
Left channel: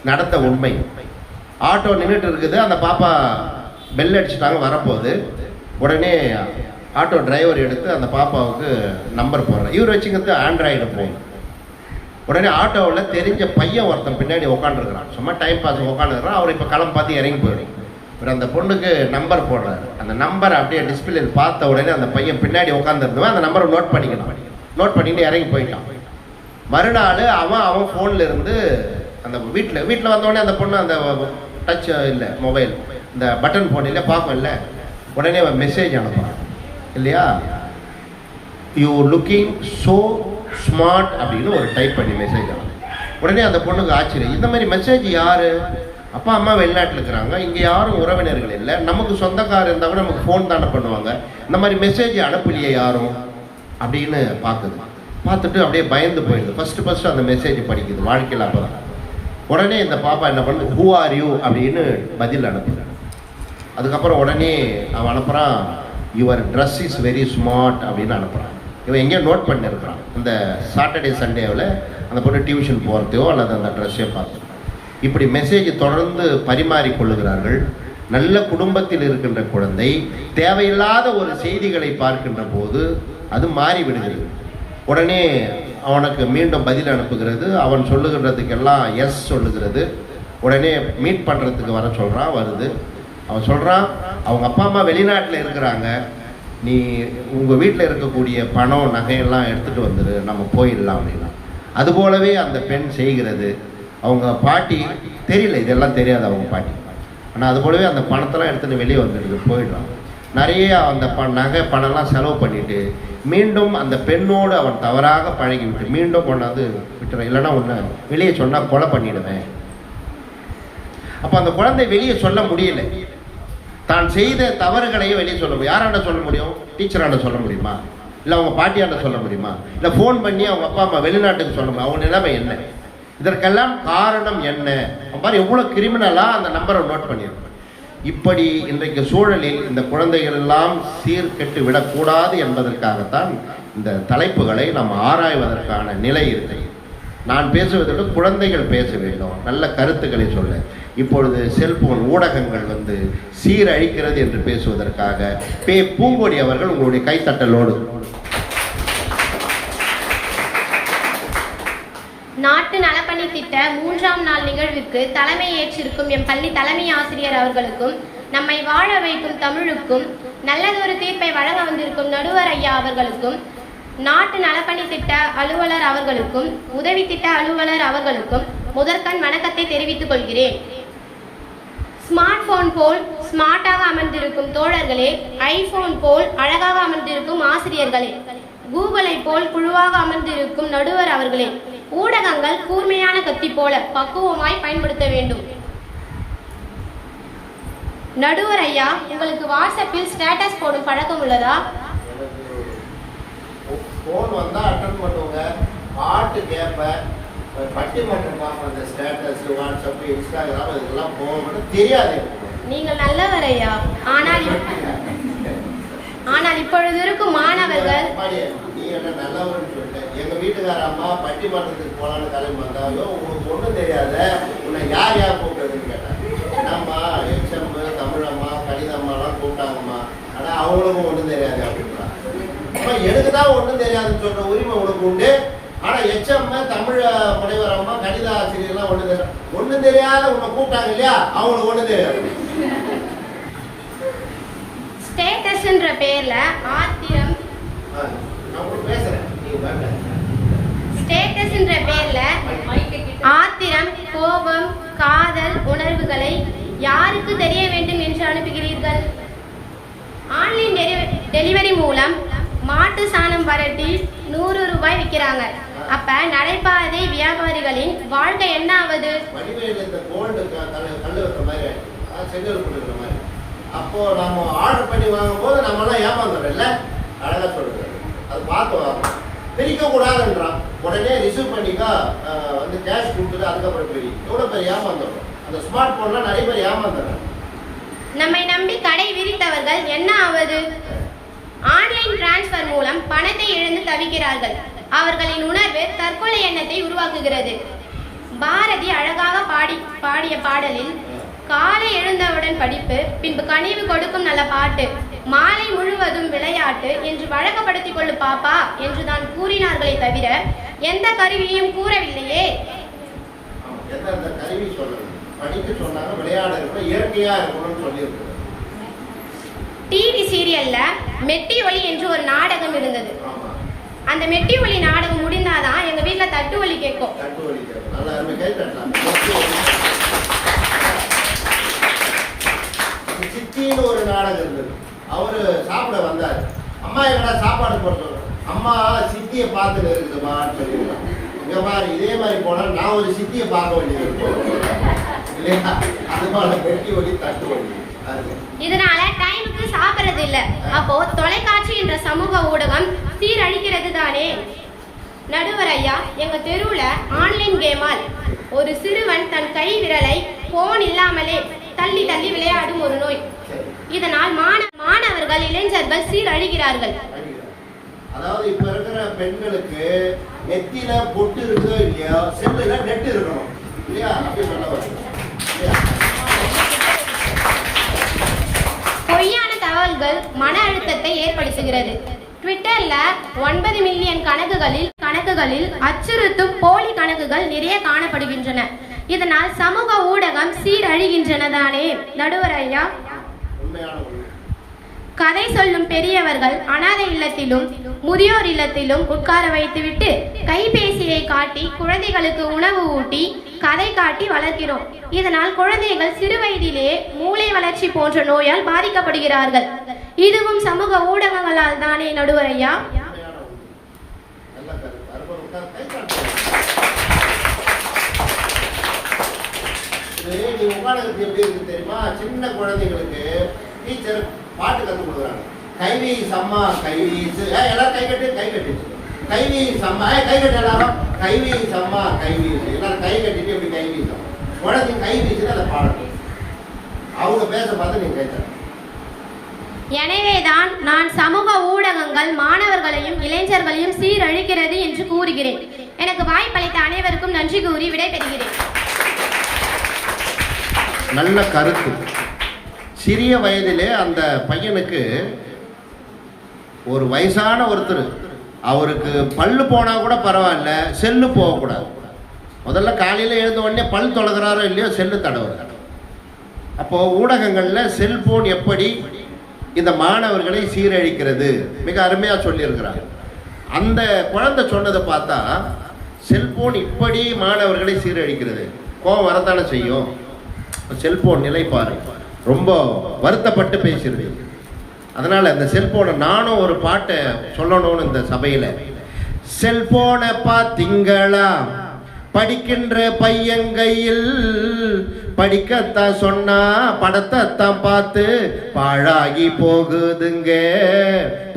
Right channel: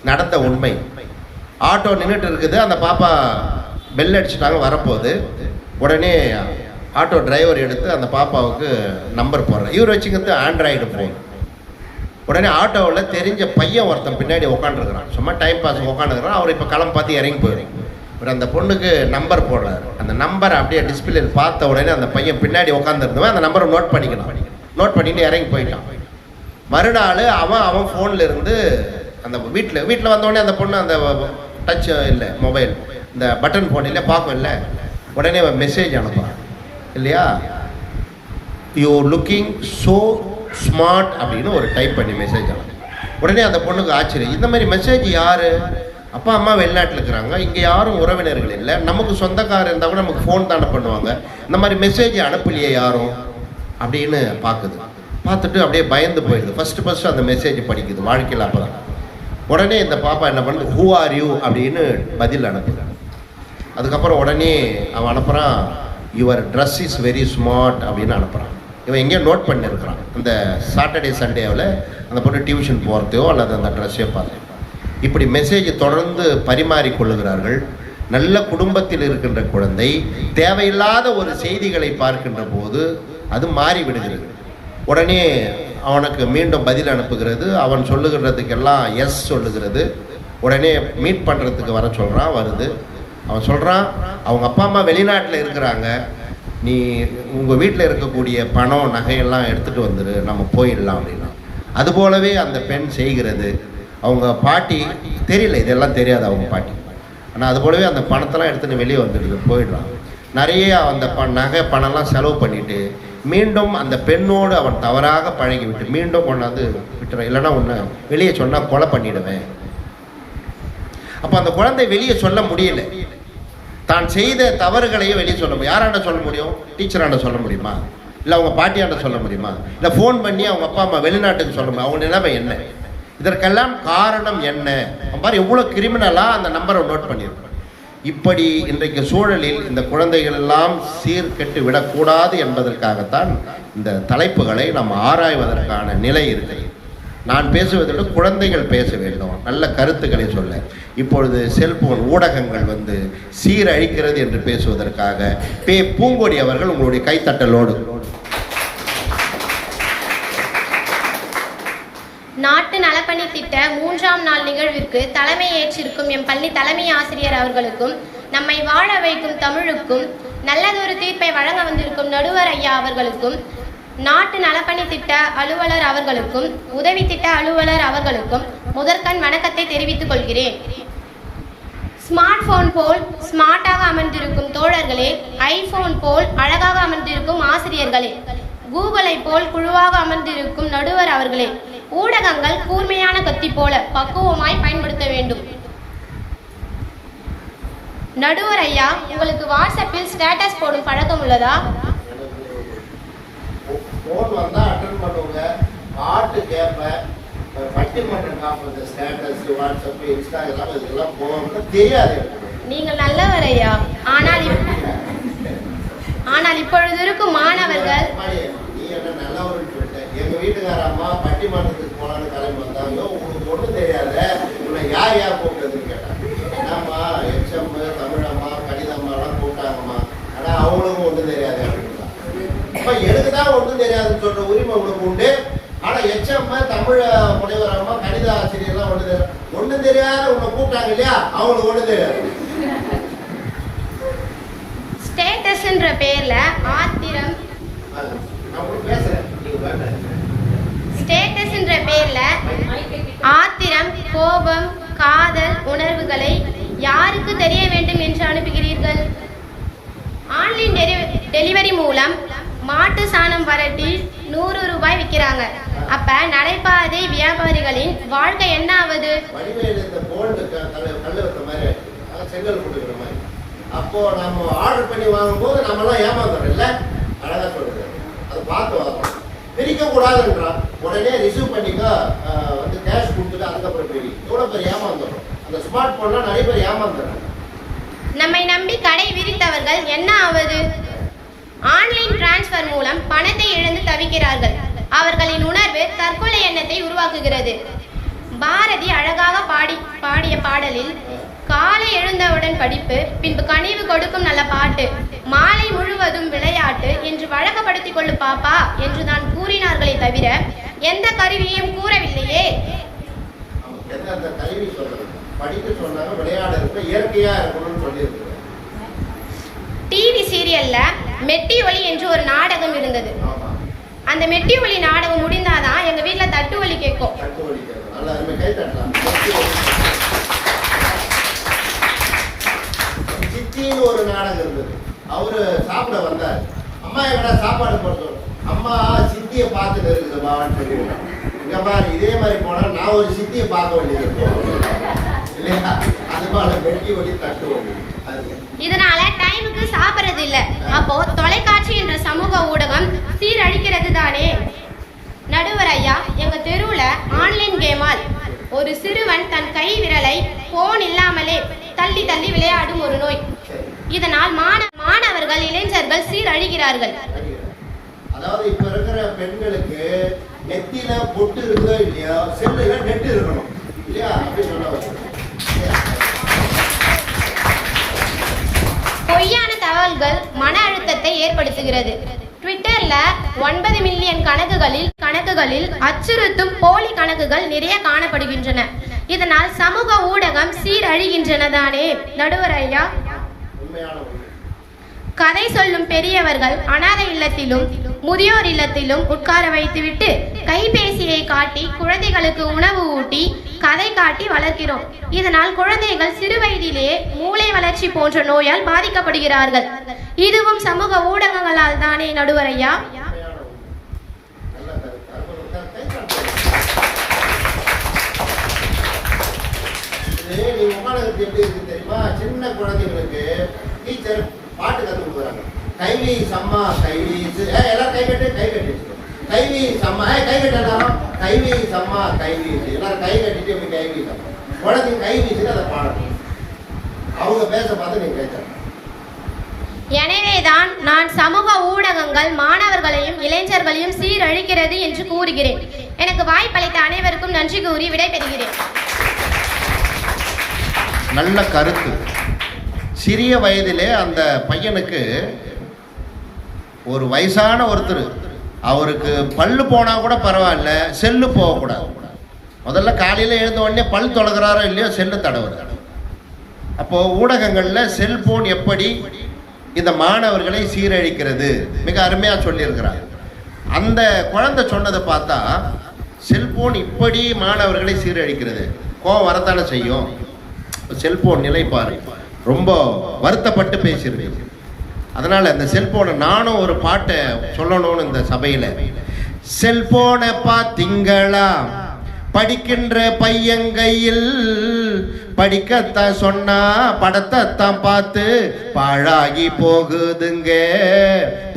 நடந்த உண்மை. ஆட்டோ நின்றுட்டு இருக்குது, அந்த பாப்பா பெல் அடிச்சுட்டாங்க, வரப்போகுது. உடனே ஆட்டோ டிரைவர் எடுத்து அந்த பாப்பாவுக்கு நம்பர் போடுறார். இவர் வச்சுக்கிறது ஆண்ட்ராய்டு ஃபோன். உடனே ஆட்டோவில் தெரிஞ்ச பையன் ஒருத்தன் பின்னாடி உட்காந்துருக்கிறான், சும்மா டைம் பாஸ் உட்காந்துருக்கிறான். அவர் இப்போ களம் பார்த்து இறங்கி போயிடும். இவர் அந்த பொண்ணுக்கு நம்பர் போடுறாரு. அந்த நம்பரை அப்படியே டிஸ்பிளேல பார்த்த உடனே அந்த பையன் பின்னாடி உட்காந்துருந்தவன் அந்த நம்பரை நோட் பண்ணிக்கலாம். நோட் பண்ணிட்டு இறங்கி போயிட்டான். மறுநாள் அவன் ஃபோனில் இருந்து அந்த வீட்டில் வந்தோடனே அந்த பொண்ணு அந்த டச் இல்லை, மொபைல் இந்த பட்டன் ஃபோன் இல்லை, பார்க்கும் இல்லை. உடனே அவன் மெசேஜ் அனுப்புறான் இல்லையா, யூ லுக்கிங் ஸோ ஸ்மார்ட் அப்படின்னு ஒரு டைப் பண்ணி மெசேஜ் அனுப்பும். உடனே அந்த பொண்ணுக்கு ஆச்சரியம், இந்த மாதிரி மெசேஜ் யார்? அப்பா அம்மா வெளிநாட்டில் இருக்கிறாங்க, இங்கே யாரும் உறவினர்கள் இல்லை, நமக்கு சொந்தக்காரர் இருந்தால் கூட நமக்கு ஃபோன் தானே பண்ணுவாங்க, இந்த மாதிரி மெசேஜ் அனுப்பலையே யாரும் அப்படின்னு பார்க்குது. பார்த்துட்டு அப்படியே பயந்து போயிடுது. ஃபஸ்ட்டு அந்த மெசேஜ் படிக்குது வாழ்க்கையில். அப்புறம் உடனே இந்த பாப்பா என்ன பண்ணுது, ஹூ ஆர் யூ அப்படின்னு பதில் அனுப்புது. அதுக்கப்புறம் உடனே அவன் அனுப்புகிறான், your dress is very smart அப்படின்னு அனுப்புகிறான். இவன் எங்கேயோ நோட் பண்ணியிருக்கிறான். இந்த சாட்டர்டே சண்டேவில் அந்த பொண்ணு டியூஷன் போகிறதையோ அல்லது அந்த ட்ரெஸ்ஸையோ பார்த்து இப்படி மெசேஜ் தொடர்ந்து பரிமாறிக்கொள்ளுகிறார்கள். நல்ல குடும்பத்தில் இருக்கின்ற குழந்தை தேவையில்லாத ஒரு செய்திகளை பார்க்கின்ற போது அது மாறிவிடுகிறது. உடனே அவனுக்கு மீண்டும் பதில் அனுப்புகிறது. அவன் சொல்லுகிறதுக்கெல்லாம் எஸ் சொல்லுகிறது. உடனே மீட் பண்ணுறதுக்கு வர சொல்கிறான், வருது. அவன் சொல்கிறான், அவங்க அப்பா அம்மா வெளிநாட்டில் இருக்கிறாங்க, நீ உங்கள் வீட்டில் இருக்கக்கூடிய பணம் நகையெல்லாம் எடுத்துகிட்டு வந்துடு, நம்ம போயிடலாம் அப்படின்னா. அதுபோலவே அந்த பெண் செய்கிறது. அவங்க பாட்டி தெரியல, இதெல்லாம் தெரியாது அவங்க பாட்டி. ஆனால் அதுபோலவே அந்த பணத்தெல்லாம் எடுத்துகிட்டு வெளியே வந்துடுது, போயிடலாம். நிறைய அந்த நகை பணம்லாம் செலவு பண்ணிவிட்டு மீண்டும் அந்த பெண்ணோடு அவன் தவறாக பழகிவிட்டு மீண்டும் கொண்டாந்து விட்டுறேன், இல்லைன்னா ஒன்று வெளியே சொன்னால் கொலை பண்ணிடுவேன். அப்போ அந்த குழந்தை வெளியே சொல்ல முடியல. தான் செய்த தவறுகளையும் வெளியே சொல்ல முடியும். யாராண்ட சொல்ல முடியும்? டீச்சராண்ட சொல்ல முடியுமா? இல்லை அவங்க பாட்டியாண்ட சொல்ல முடியுமா? இல்லை ஃபோன் பண்ணி அவங்க அப்பா அம்மா வெளிநாட்டுக்கு சொல்ல முடியும்? அவங்க நிலைமை என்ன? இதற்கெல்லாம் காரணம் என்ன? மாதிரி எவ்வளோ கிரிமினலாக அந்த நம்பரை நோட் பண்ணியிருக்கோம். இப்படி இன்றைக்கு சூழலில் இந்த குழந்தைகள் எல்லாம் சீர்கெட்டு விடக்கூடாது என்பதற்காகத்தான் இந்த தலைப்புகளை நாம் ஆராய்வதற்கான நிலை இருக்குது. நான் பேசுவதற்கு குழந்தைகள் பேச வேண்டும், நல்ல கருத்துக்களை சொல்ல. இப்பொழுது செல்போன் ஊடகங்கள் வந்து சீரழிக்கிறது என்று பேசுவதற்காக பூங்கொடி அவர்கள் உங்களுடைய கைத்தட்டலோடு. நாட்டு நலப்பணி திட்ட 3ஆம் நாள் நிகழ்விற்கு தலைமை ஏற்றிருக்கும் எம் பள்ளி தலைமை ஆசிரியர் அவர்களுக்கும், நம்மை வாழ வைக்கும் தமிழுக்கும், நல்லதொரு தீர்ப்பை வழங்க வந்திருக்கும் நடுவர் ஐயா அவர்களுக்கும், நாட்டு நலப்பணி திட்ட அலுவலர் அவர்களுக்கும், உதவி திட்ட அலுவலர் அவர்களுக்கும் முதற்கண் வணக்கத்தை தெரிவித்துக் கொள்கிறேன். ஸ்மார்ட் போன் போல் ஸ்மார்ட்டாக அமர்ந்திருக்கும் தோழர்களே, ஐபோன் போல் அழகாக அமர்ந்திருக்கும் ஆசிரியர்களே, கூகுளை போல் குழுவாக அமர்ந்திருக்கும் நடுவர் அவர்களே, ஊடகங்கள் கூர்மையான கத்தி போல பக்குவமாய் பயன்படுத்த வேண்டும். நடுவர் ஐயா, உங்களுக்கு வாட்ஸ்அப்பில் ஸ்டேட்டஸ் போடும் பழக்கம் உள்ளதா? ஃபோன் வந்தால் அட்டன் பண்ணுவாங்க, பாட்டு கேட்பேன், பட்டிமன்றம் பார்ப்பேன், ஸ்டேட்டஸ் வாட்ஸ்அப் இன்ஸ்டாகிராம் இதெல்லாம் போகணும்னு தெரியாது. நீங்கள் நல்லவர் ஐயா. ஆனால் இப்பொழுது இருக்கும் மாணவர்கள் நீ என்ன நல்லவர்னு சொல்லிட்டேன். எங்க வீட்டுக்கார அம்மா பட்டிமன்றத்துக்கு போனான்னு கிளம்பி வந்தாங்க. உங்களுக்கு ஒன்றும் தெரியாத உன்னை யார் கூப்பிட்டதுன்னு கேட்டாங்க. ஆமா எச்எம் தமிழம்மா கணிதம்மாலாம் கூப்பிட்டாங்கம்மா, ஆனா அவங்களுக்கும் ஒன்றும் தெரியாது அப்படின்றாங்க. அப்ப எனக்கு தான் ஒன்றும் தெரியாதுன்னு சொல்ற உரிமை உனக்கு உண்டு. ஆனா எச்எம் தமிழ் முனைவர் அம்மா கணித ஆசிரியர்லாம் ஒன்றும் தெரியாத உன்னை கூப்பிட்டாங்க இல்லையா, அவங்களுக்கு ஒன்றும் தெரியாது. ஸ்டேட்டஸ்ன்ற பேர்ல ஆத்திரம், நான் உங்களுக்கு பேசுறேன், ஸ்டேட்டஸ்ன்ற பேர்ல ஆத்திரம், கோபம், காதல் உணர்வுகளை யாருக்கு தெரிய வேண்டும் என்று அனுப்புகிறீர்கள்? ஆன்லைன் டெலிவரி மூலம் மாட்டு சாணம் வரட்டி 100 ரூபாய் விற்கிறாங்க. அப்ப நடைபாதை வியாபாரிகளின் வாழ்க்கை என்ன ஆகுது? செங்கல் கொடுக்குற மாதிரி. அப்போ நம்ம ஆர்டர் பண்ணி வாங்கும்போது நம்ம எல்லாம் ஏமாந்துறோம் இல்ல, அழகா சொல்றது. அது பார்த்து வாங்கணும், பிரிக்க கூடாதுன்றான். உடனே ரிசீவ் பண்ணிக்கா வந்து கேஷ் கொடுத்துட்டு அதுக்கப்புறம் பிரி. எவ்வளவு பேர் ஏமாந்துடும். அந்த ஸ்மார்ட் போன்ல நிறைய பேர் ஏமாந்துறாங்க. நம்மை நம்பி கடை விரித்தவர்கள் என்ன ஆவது? ஆன்லைன் டிரான்ஸ்பர் மூலம் பணத்தை இழந்து தவிக்கிறார்கள். அவர்களின் உணர்வு தற்கொலை எண்ணத்தை உருவாக்குகிறது. பாரதி அழகாக பாடிய பாடலில் காலை எழுந்தவுடன் படிப்பு, பின்பு கனிவு கொடுக்கும் நல்ல பாட்டு, மாலை முழுவதும் விளையாட்டு என்று வழக்கப்படுத்திக் கொள்ளு பாப்பா என்று தான் கூறினார்களே தவிர எந்த கருவியையும் கூறவில்லையே. கருவி சொல்லணும், படிக்க சொன்னாங்க, விளையாட இருக்கணும், இயற்கையா இருக்கணும்னு சொல்லி. டிவி சீரியல்ல மெட்டி ஒலி என்று ஒரு நாடகம் இருந்தது. அந்த மெட்டி ஒலி நாடகம் முடிந்தாதான் எங்க வீட்டுல தட்டு ஒலி கேட்கும். சித்தின்னு ஒரு நாடகம் இருந்தது. அவரு சாப்பிட வந்தாரு. அம்மா என்னடா சாப்பாடு போட, அம்மா சித்தியை பார்த்துட்டு இருக்குதுமான்னு சொல்லிடுறாங்க. இங்க மாதிரி இதே மாதிரி போனா நான் ஒரு சித்தியை பார்க்க வேண்டியது இல்லையா? அது மாதிரி மெட்டி ஒலி தட்டு ஒலி. இதனால டைமுக்கு சாப்பிடுறது இல்ல. அப்போ தொலைக்காட்சி என்ற சமூக ஊடகம் சீரழிக்கிறது தானே. நடுவர் ஐயா, எங்க தெருவுல ஆன்லைன் கேமால் ஒரு சிறுவன் தன் கை விரலை போன் இல்லாமலே தள்ளி தள்ளி விளையாடும் ஒரு நோய். இதனால் மாணவர்கள் இளைஞர்கள் சீரழிகிறார்கள். அதாவது இப்ப இருக்கிற பெண்களுக்கு நெத்தியில பொட்டு இருக்குதோ இல்லையா, செல்லுல நெட் இருக்கணும் இல்லையா, அப்படி சொல்ல. பொய்யான தகவல்கள் மன அழுத்தத்தை ஏற்படுத்துகிறது. ட்விட்டர்ல 9 மில்லியன் கணக்குகளில் அச்சுறுத்தும் போலி கணக்குகள் நிறைய காணப்படுகின்றன. இதனால் சமூக ஊடகம் சீரழிகின்றன தானே நடுவர் ஐயா. கதை சொல்லும் பெரியவர்கள் அனாதை இல்லத்திலும் முதியோர் இல்லத்திலும் உட்கார வைத்துவிட்டு கைபேசியை காட்டி குழந்தைகளுக்கு உணவு ஊட்டி கதை காட்டி வளர்க்கிறோம். இதனால் குழந்தைகள் சிறு வயதிலேயே மூளை வளர்ச்சி போன்ற நோயால் பாதிக்கப்படுகிறார்கள். இதுவும் சமூக ஊடகங்களால் தானே நடுவர் ஐயா. நீ உட்காந்துக்கு எப்படி இருக்கு தெரியுமா? சின்ன குழந்தைங்களுக்கு டீச்சர் பாட்டு கற்றுக் கொடுக்குறாங்க. கைவி சம்மா கைவீசு, எல்லாரும் கை கட்டி கைவி சம்மா, கை கட்டி எல்லாரும் கைவி சம்மா கைவீசு, எல்லாரும் கை கட்டிட்டு எப்படி கைவி சம்மா குழந்தை கைவீசுன்னு அதை பாடணும். அவங்க பேச பார்த்து நீங்க கேட்க. எனவேதான் நான் சமூக ஊடகங்கள் மாணவர்களையும் இளைஞர்களையும் சீரழிக்கிறது என்று கூறுகிறேன். எனக்கு வாய்ப்பளித்த அனைவருக்கும் நன்றி கூறி விடைபெறுகிறேன். நல்ல கருத்து. சிறிய வயதிலே அந்த பையனுக்கு ஒரு வயசான ஒருத்தர், அவருக்கு பல்லு போனா கூட பரவாயில்ல, செல்லு போகக்கூடாது. முதல்ல காலையில் எழுந்த உடனே பல் தொடங்குறாரோ இல்லையோ செல்லு தடவுறாரு. அப்போ ஊடகங்கள்ல செல்போன் எப்படி இந்த மாணவர்களை சீரழிக்கிறது மிக அருமையா சொல்லியிருக்கிறாங்க. அந்த குழந்தை சொன்னதை பார்த்தா செல்போன் இப்படி மாணவர்களை சீரழிக்கிறது. கோவம் வரத்தானே செய்யும். செல்போன் நிலை பாரு, ரொம்ப வருத்தப்பட்டு பேசிடுவீங்க. அதனால இந்த செல்போனை நானும் ஒரு பாட்டை சொல்லணும்னு இந்த சபையில. செல்போனை பார்த்தீங்களா, படிக்கின்ற பையங்கையில் படிக்கத்தான் சொன்னா படத்தை தான் பார்த்து பாழாகி போகுதுங்க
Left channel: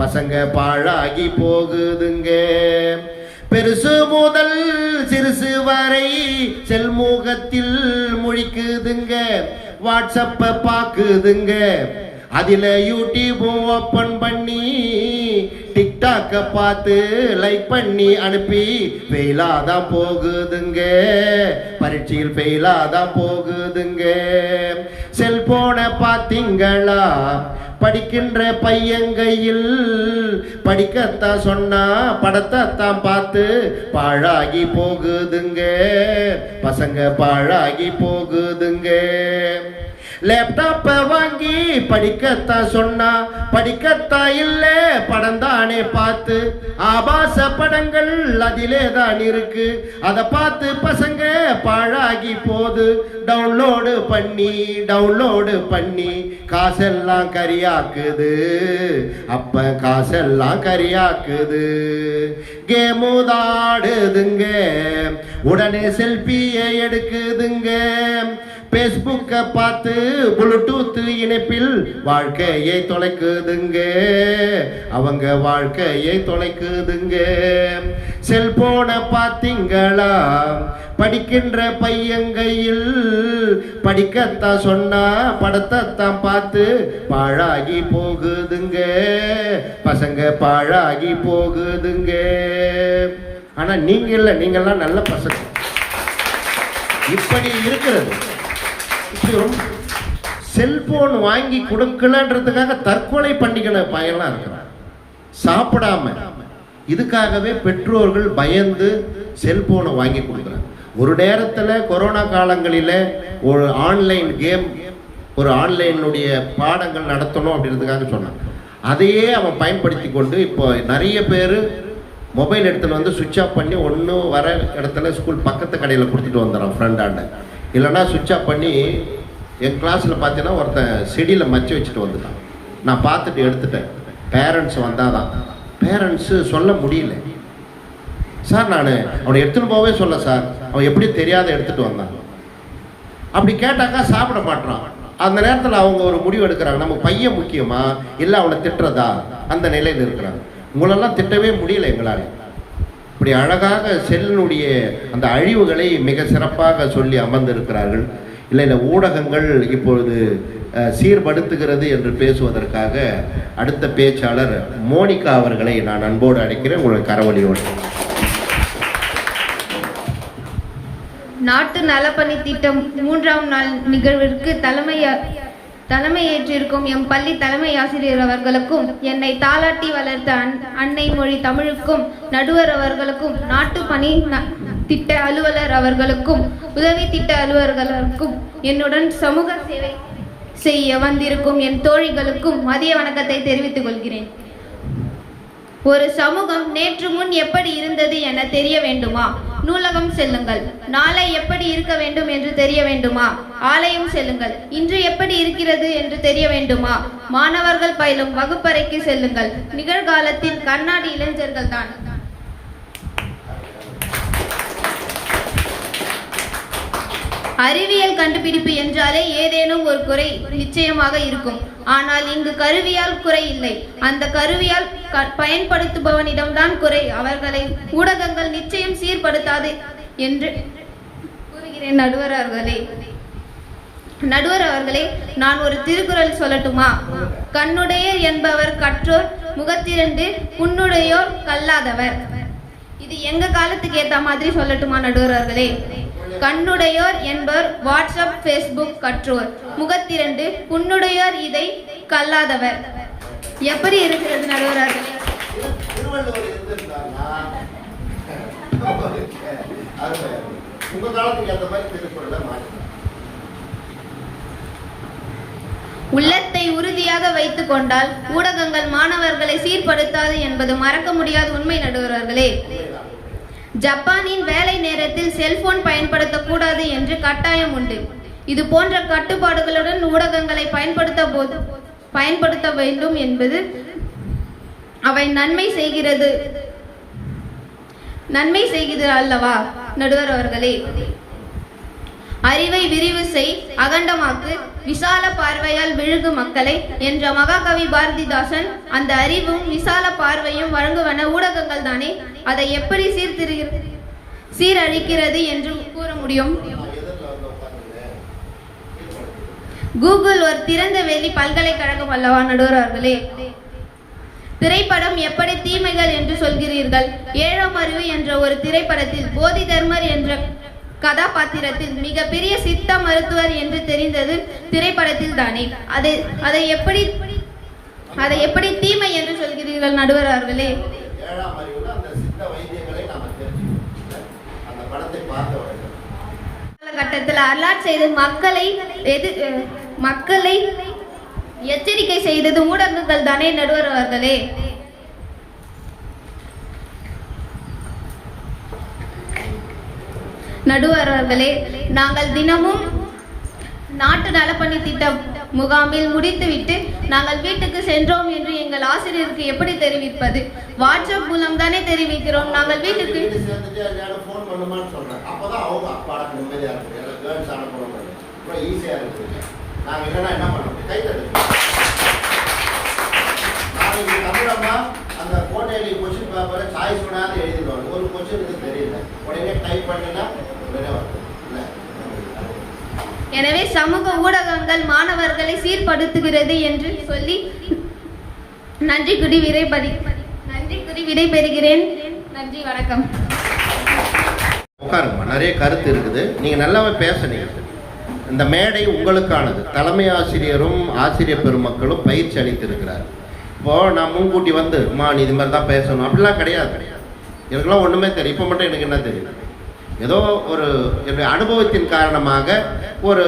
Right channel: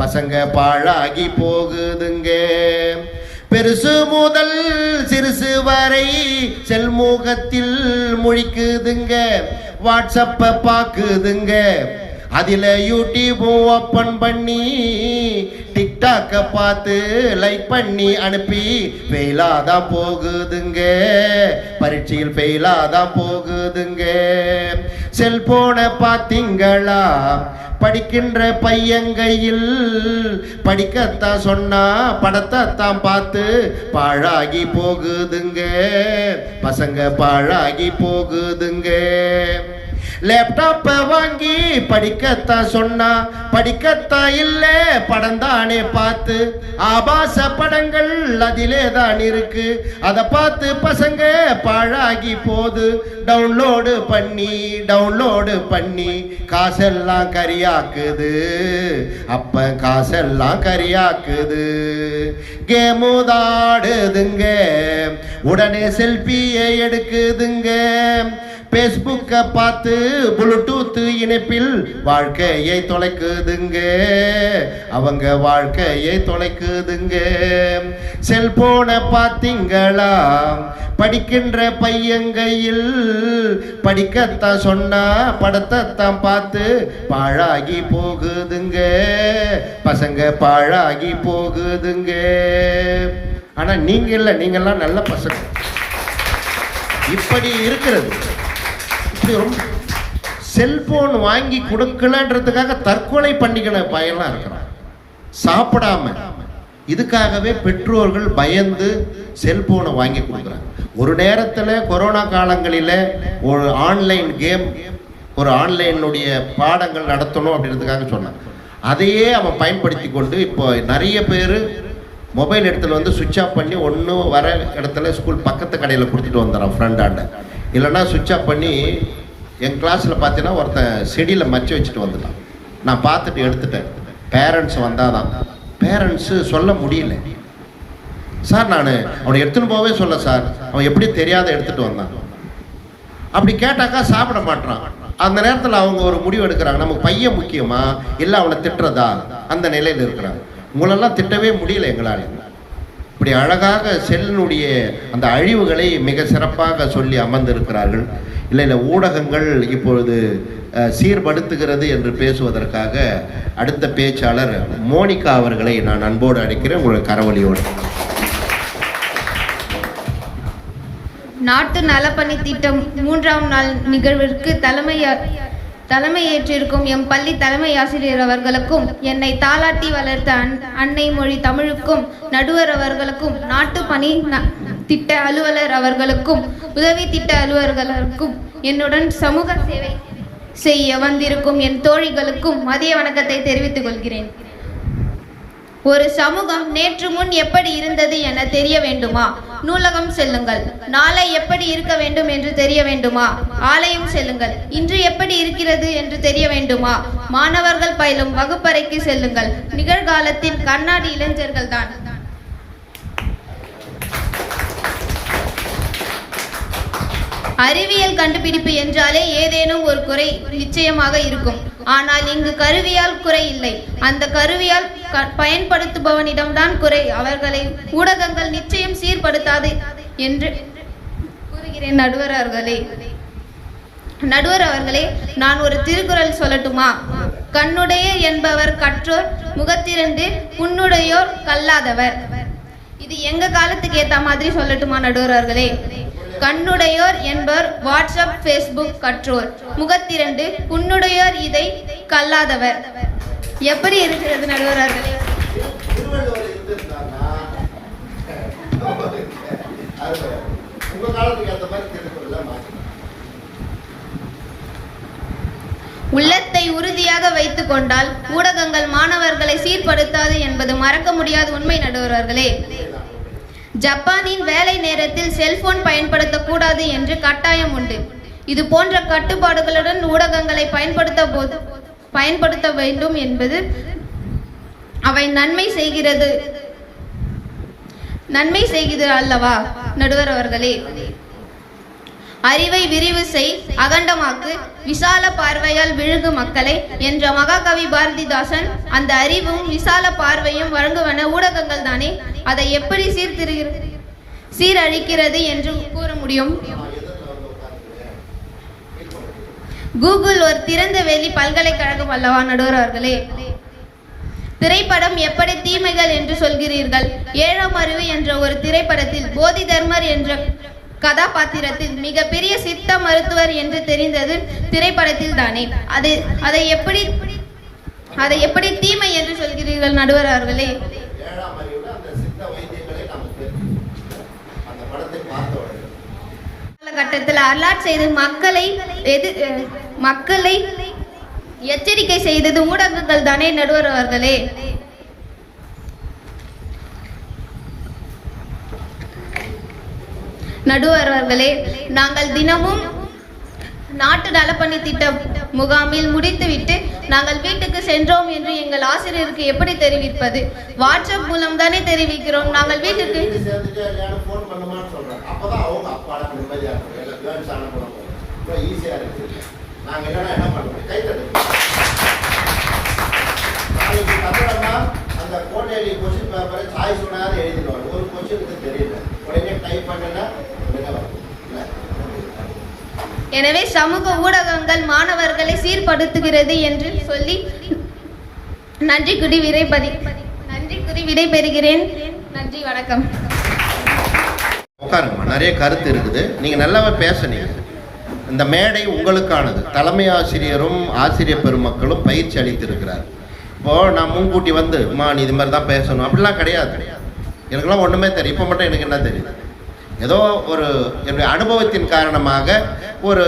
பசங்க, பாழாகி போகுதுங்க. பெருசு முதல் சிறுசு வரை செல்முகத்தில் முழிக்குதுங்க, வாட்ஸ்அப்ப பாக்குதுங்க, அதில் யூடியூபும் ஓப்பன் பண்ணி டிக்டாக்கை பார்த்து லைக் பண்ணி அனுப்பி ஃபெயிலாதான் போகுதுங்க, பரீட்சையில் ஃபெயிலாதான் போகுதுங்க. செல்போனை பார்த்தீங்களா படிக்கின்ற பையங்கையில், படிக்கத்தான் சொன்னா படத்தைத்தான் பார்த்து பாழாகி போகுதுங்க, பசங்க பாழாகி போகுதுங்க. லேப்டாப்பை வாங்கி படிக்கத்தான் சொன்னா படிக்கத்தான் இல்ல, படம் தானே பார்த்து ஆபாச படங்கள் அதிலே தான் இருக்கு, அதை பார்த்து பசங்க பாழாகி போது. டவுன்லோடு பண்ணி காசெல்லாம் கரியாக்குது, அப்ப காசெல்லாம் கரியாக்குது. கேமுதாடுதுங்க, உடனே செல்ஃபியை எடுக்குதுங்க. பேஸ்புக்கை பார்த்து ப்ளூடூத் இணைப்பில் வாழ்க்கையை தொலைக்குதுங்க, அவங்க வாழ்க்கையை தொலைக்குதுங்க. செல்போனை பார்த்தீங்களா படிக்கின்ற பையங்கையில், படிக்கத்தான் சொன்னா படத்தைத்தான் பார்த்து பாழாகி போகுதுங்க, பசங்க பாழாகி போகுதுங்க. ஆனா நீங்க இல்லை, நீங்கெல்லாம் நல்ல பசங்க. இப்படி இருக்கிறது. செல்போன் வாங்கி கொடுக்கலன்றதுக்காக தற்கொலை பண்ணிக்கிற பையன்லாம் இருக்கிறான் சாப்பிடாம. இதுக்காகவே பெற்றோர்கள் பயந்து செல்போனை வாங்கி கொடுக்குறாங்க. ஒரு நேரத்தில் கொரோனா காலங்களில் ஒரு ஆன்லைன் கேம், ஒரு ஆன்லைனுடைய பாடங்கள் நடத்தணும் அப்படின்றதுக்காக சொன்னான். அதையே அவன் பயன்படுத்தி கொண்டு இப்போ நிறைய பேர் மொபைல் இடத்துல வந்து சுவிட்ச் ஆஃப் பண்ணி ஒன்று வர இடத்துல ஸ்கூல் பக்கத்து கடையில் கொடுத்துட்டு வந்துடுறான் ஃப்ரெண்டாண்ட. இல்லைன்னா சுவிட்ச் ஆஃப் பண்ணி என் கிளாஸில் பார்த்தீங்கன்னா ஒருத்தன் செடியில் மச்சு வச்சுட்டு வந்துட்டான். நான் பார்த்துட்டு எடுத்துட்டேன். பேரண்ட்ஸ் வந்தால் தான், பேரண்ட்ஸு சொல்ல முடியல. சார் நான் அவனை எடுத்துன்னு போவே சொல்ல சார், அவன் எப்படி தெரியாத எடுத்துகிட்டு வந்தான். அப்படி கேட்டாக்கா சாப்பிட மாட்டான். அந்த நேரத்தில் அவங்க ஒரு முடிவு எடுக்கிறாங்க, நமக்கு பையன் முக்கியமா இல்லை அவனை திட்டுறதா, அந்த நிலையில் இருக்கிறாங்க. உங்களெல்லாம் திட்டவே முடியல எங்களால். இப்படி அழகாக செல்லினுடைய அந்த அழிவுகளை மிக சிறப்பாக சொல்லி அமர்ந்திருக்கிறார்கள். இல்லை ஊடகங்கள் இப்பொழுது சீர்படுத்துகிறது என்று பேசுவதற்காக அடுத்த பேச்சாளர் மோனிகா அவர்களை நான் அன்போடு அழைக்கிறேன். உங்கள் கரவொலியோடு. நாட்டு நலப்பணி திட்டம் 3ஆம் நாள் நிகழ்விற்கு தலைமையேற்றிருக்கும் எம் பள்ளி தலைமை ஆசிரியர் அவர்களுக்கும், என்னை தாளாட்டி வளர்த்த அன்னை மொழி தமிழுக்கும், நடுவர் அவர்களுக்கும், நாட்டு பணி திட்ட அலுவலர் அவர்களுக்கும், உதவி திட்ட அலுவலர்களுக்கும், என்னுடன் சமூக சேவை செய்ய வந்திருக்கும் என் தோழிகளுக்கும் மதிய வணக்கத்தை தெரிவித்துக் கொள்கிறேன். ஒரு சமூகம் நேற்று முன் எப்படி இருந்தது என தெரிய வேண்டுமா? நூலகம் செல்லுங்கள். நாளை எப்படி இருக்க வேண்டும் என்று தெரிய வேண்டுமா? ஆலயம் செல்லுங்கள். இன்று எப்படி இருக்கிறது என்று தெரிய வேண்டுமா? மாணவர்கள் பயிலும் வகுப்பறைக்கு செல்லுங்கள். நிகழ்காலத்தின் கண்ணாடி இளைஞர்கள் தான். அறிவியல் கண்டுபிடிப்பு என்றாலே ஏதேனும் ஒரு குறை நிச்சயமாக இருக்கும். ஆனால் இங்கு கருவியால் குறை இல்லை, அந்த கருவியால் பயன்படுத்துபவனிடம்தான் குறை. அவர்களை ஊடகங்கள் நிச்சயம் சீர்படுத்தாது என்று கூறுகிறேன். நடுவர் அவர்களே, நான் ஒரு திருக்குறள் சொல்லட்டுமா? கண்ணுடையர் என்பவர் கற்றோர், முகத்திரண்டு புண்ணுடையோர் கல்லாதவர். இது எங்க காலத்துக்கு ஏத்த மாதிரி சொல்லட்டுமா நடுவர் அவர்களே? கண்ணுடையோர் என்பவர் வாட்ஸ்அப், ஃபேஸ்புக் கற்றோர், முகத்திரண்டு புண்ணுடையோர் இதை கல்லாதவர். எப்படி இருக்கிறது நடுவர்களே? உள்ளத்தை உறுதியாக வைத்துக் கொண்டால் ஊடகங்கள் மாணவர்களை சீர்படுத்தாது என்பது மறக்க முடியாத உண்மை நடுவர்களே. ஜப்பானின் வேலை நேரத்தில் செல்போன் பயன்படுத்தக்கூடாது என்று கட்டாயம் உண்டு. இது போன்ற கட்டுப்பாடுகளுடன் ஊடகங்களை பயன்படுத்த வேண்டும் என்பது அவை நன்மை செய்கிறது அல்லவா நடுவர் அவர்களே? அறிவை விரிவு செய், அகண்டமாக்கு, விசால பார்வையால் விழுகு மக்களை என்ற மகாகவி பாரதிதாசன் அந்த அறிவும் விசால பார்வையும் வழங்குவன ஊடகங்கள் தானே. அதை எப்படி சீரழிக்கிறது என்று கூற முடியும்? கூகுள் ஒரு திறந்த வெளி பல்கலைக்கழகம் அல்லவா நடுவர் அவர்களே? திரைப்படம் எப்படி தீமைகள் என்று சொல்கிறீர்கள்? ஏழாம் அறிவு என்ற ஒரு திரைப்படத்தில் போதி தர்மர் என்ற கதாபாத்திரத்தில் மிகப்பெரிய சித்த மருத்துவர் என்று தெரிந்தது திரைப்படத்தில் தானே. அதை எப்படி தீமை என்று சொல்கிறீர்கள் நடுவர் அவர்களே? ஏழாம் அறிவுல அந்த சித்த வைத்தியங்களை நாம தெரிஞ்சுக்கணும். அந்த படத்தை பார்த்த உடனே காலகட்டத்தில் அலர்ட் செய்து மக்களை எச்சரிக்கை செய்தது ஊடகங்கள் தானே நடுவர் அவர்களே? நடுவர் அவர்களே, நாங்கள் தினமும் நாட்டு நலப்பணி திட்ட முகாமில் முடித்துவிட்டு நாங்கள் வீட்டுக்கு சென்றோம் என்று எங்கள் ஆசிரியருக்கு எப்படி தெரிவிப்பது? வாட்ஸ்அப் மூலம் தானே தெரிவிக்கிறோம். நாங்கள் வீட்டுக்கு ஃபோன் பண்ணுமான்னு சொல்றேன். அப்பதான் அவங்க அப்பாடக்கு நிம்மதியா இருக்கு. எல்லாம் கேர்ள்ஸ் அனுப்புறாங்க. ரொம்ப ஈஸியா இருக்கு. நாங்க இல்லைன்னா என்ன பண்ணுவோம்? கை தட்டுவோம். நாளைக்கு தமிழம்மா அந்த கோட்டையில கொஸ்டின் பேப்பரை சாய்ஸ் பண்ணாத எழுதிடுவாங்க. ஒரு கொஸ்டினுக்கு தெரியல, உடனே டைப் பண்ணினா உடனே வரும். எனவே சமூக ஊடகங்கள் மாணவர்களை சீர்படுத்துகிறது என்று சொல்லி நன்றி கூறி விடைபெறுகிறேன். நன்றி, வணக்கம். உட்காருங்க. நிறைய கருத்து இருக்குது. நீங்க நல்லாவே பேசுனீங்க. இந்த மேடை உங்களுக்கானது. தலைமை ஆசிரியரும் ஆசிரியர் பெருமக்களும் பயிற்சி அளித்திருக்கிறார். இப்போ நான் முன்கூட்டி வந்து நீ இது மாதிரி தான் பேசணும் அப்படிலாம் கிடையாது. எனக்குலாம் ஒன்றுமே தெரியும். இப்போ மட்டும் எனக்கு என்ன தெரியுது? ஏதோ ஒரு என்னுடைய அனுபவத்தின் காரணமாக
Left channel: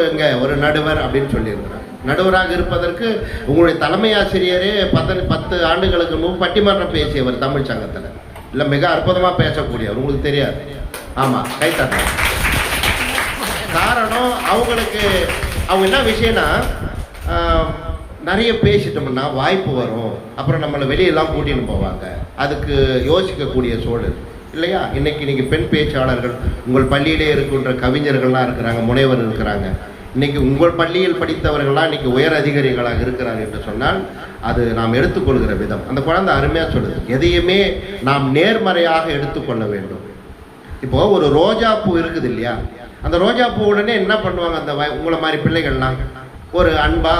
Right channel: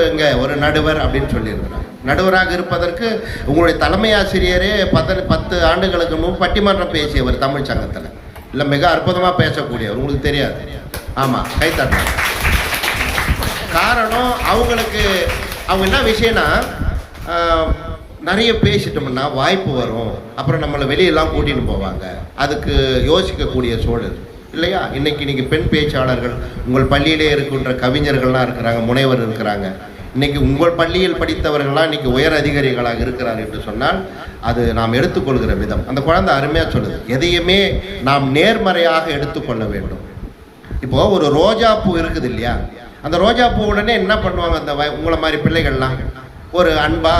இங்கே ஒரு நடுவர் அப்படின்னு சொல்லியிருக்கிறேன். நடுவராக இருப்பதற்கு உங்களுடைய தலைமை ஆசிரியரே 10 ஆண்டுகளுக்கு பட்டிமன்றம் பேசியவர் தமிழ் சங்கத்தில். இல்லை, மிக அற்புதமாக பேசக்கூடியவர். உங்களுக்கு தெரியாது? ஆமாம், கைத்தட்ட. காரணம் அவங்க என்ன விஷயம்னா, நிறைய பேசிட்டோம்னா வாய்ப்பு வரும், அப்புறம் நம்மளை வெளியெல்லாம் கூட்டின்னு போவாங்க. அதுக்கு யோசிக்கக்கூடிய சூழல் இல்லையா? இன்னைக்கு பெண் பேச்சாளர்கள் உங்கள் பள்ளியிலே இருக்கின்ற கவிஞர்கள்லாம் இருக்கிறாங்க, முனைவர் இருக்கிறாங்க. இன்னைக்கு உங்கள் பள்ளியில் படித்தவர்கள்லாம் இன்னைக்கு உயர் அதிகாரிகளாக இருக்கிறாங்க என்று சொன்னால் அது நாம் எடுத்துக்கொள்கிற விதம். அந்த குழந்தை அருமையாக சொல்லுது, எதையுமே நாம் நேர்மறையாக எடுத்துக்கொள்ள வேண்டும். இப்போ ஒரு ரோஜா பூ இருக்குது இல்லையா? அந்த ரோஜா பூ உடனே என்ன பண்ணுவாங்க? அந்த உங்களை மாதிரி பிள்ளைகள்லாம் ஒரு அன்பா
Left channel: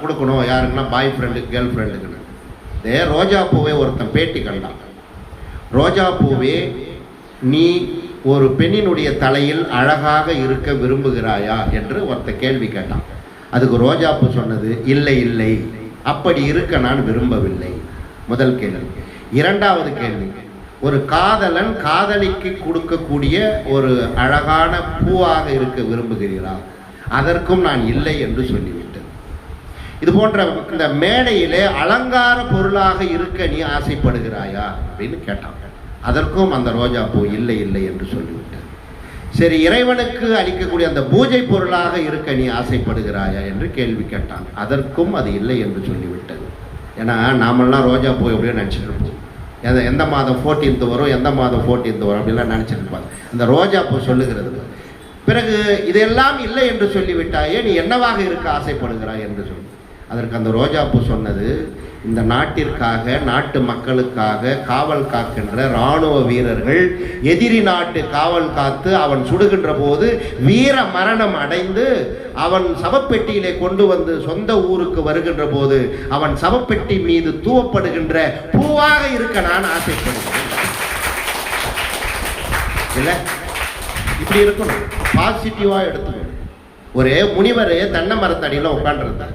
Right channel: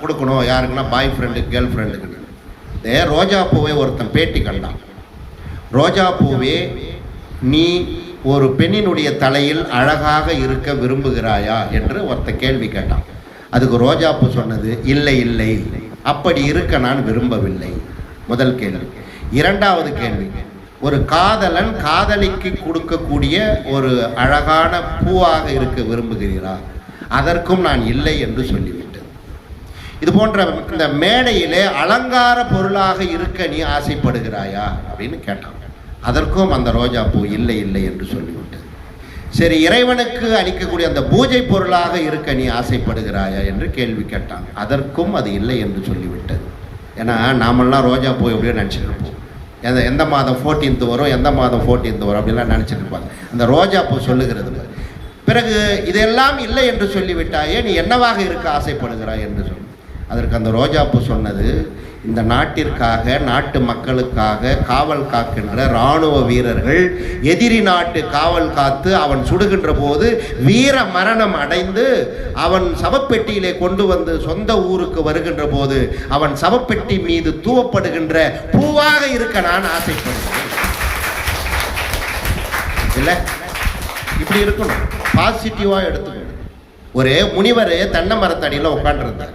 கொடுக்கணும் யாருக்குன்னா, பாய் ஃப்ரெண்டு கேர்ள் ஃப்ரெண்டுக்குன்னு. இதே ரோஜா பூவை ஒருத்தன் பேட்டி கண்டான். ரோஜா பூவே, நீ ஒரு பெண்ணினுடைய தலையில் அழகாக இருக்க விரும்புகிறாயா என்று ஒருத்த கேள்வி கேட்டான். அதுக்கு ரோஜா பூ சொன்னது, இல்லை இல்லை, அப்படி இருக்க நான் விரும்பவில்லை. முதல் கேள்வி. இரண்டாவது கேள்வி, ஒரு காதலன் காதலிக்கு கொடுக்கக்கூடிய ஒரு அழகான பூவாக இருக்க விரும்புகிறீரா? அதற்கும் நான் இல்லை என்று சொல்லிவிட்டேன். இது போன்ற இந்த மேடையிலே அலங்கார பொருளாக இருக்க நீ ஆசைப்படுகிறாயா அப்படின்னு கேட்டான். அதற்கும் அந்த ரோஜா பூ இல்லை இல்லை என்று சொல்லிவிட்டேன். சரி, இறைவனுக்கு அளிக்கக்கூடிய அந்த பூஜை பொருளாக இருக்க நீ ஆசைப்படுகிறாயா என்று கேள்வி கேட்டான். அதற்கும் அது இல்லை என்று சொல்லிவிட்டது. ஏன்னா நாமெல்லாம் ரோஜா பூ எப்படின்னு நினச்சிருக்கோம். எந்த மாதம் 14th வரும், எந்த மாதம் 14th வரும் அப்படின்லாம் நினச்சிருப்பாங்க. அந்த ரோஜா பூ சொல்லுகிறது. பிறகு இதெல்லாம் இல்லை என்று சொல்லிவிட்டாயே, நீ என்னவாக இருக்க ஆசைப்படுகிறாய் என்று சொல்லி. அதற்கு அந்த ரோஜா பூ சொன்னது, இந்த நாட்டிற்காக, நாட்டு மக்களுக்காக காவல் காக்கின்ற இராணுவ வீரர்கள் எதிரி நாட்டு காவல் காத்து அவன் சுடுகின்ற போது வீர மரணம் அடைந்து அவன் சவப்பெட்டியிலே கொண்டு வந்து சொந்த ஊருக்கு வருகின்ற போது அவன் சவப்பெட்டி மீது தூவப்படுகின்ற பூவாக இருக்க நான் ஆசைப்படுகிறேன். இல்லை, இப்படி இருக்கும். பாசிட்டிவா எடுத்துக்கணும். ஒரு முனிவர் தென்னை மரத்தடியில் உட்காந்துருந்தார்.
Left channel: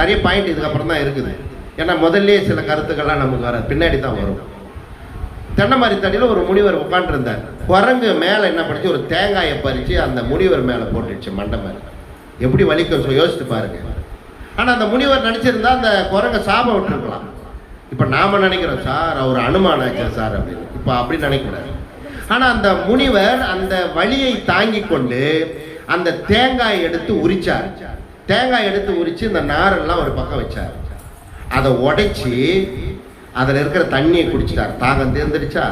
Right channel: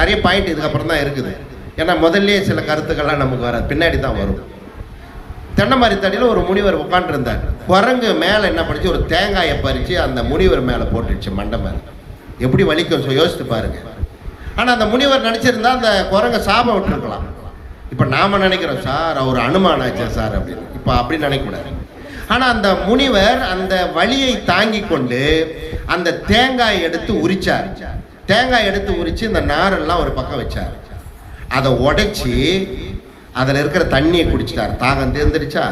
நிறைய பாயிண்ட் இதுக்கப்புறம் தான் இருக்குது. ஏன்னா முதல்ல சில கருத்துக்கள்லாம் நமக்கு வர பின்னாடி தான் வரும். தென்னை மரத்தடியில் ஒரு முனிவர் உட்காந்துருந்தார். குரங்கு மேலே என்ன பண்ணிச்சு, ஒரு தேங்காயை பறித்து அந்த முனிவர் மேலே போட்டுடுச்சு, மண்டை மேலே. எப்படி வலிக்கும் யோசித்து பாருங்க. ஆனால் அந்த முனிவர் நினச்சிருந்தா அந்த குரங்கை சாபம் விட்டுருக்கலாம். இப்போ நாம் நினைக்கிறோம், சார் அவர் அனுமானாச்சா சார் அப்படின்னு. இப்போ அப்படி நினைக்கக்கூடாது. ஆனால் அந்த முனிவர் அந்த வலியை தாங்கி கொண்டு அந்த தேங்காய் எடுத்து உரிச்சார். தேங்காய் எடுத்து உரித்து இந்த நாரெல்லாம் ஒரு பக்கம் வச்சார். அதை உடைச்சி அதில் இருக்கிற தண்ணியை குடிச்சிட்டார். தாகம் தீர்ந்துருச்சா?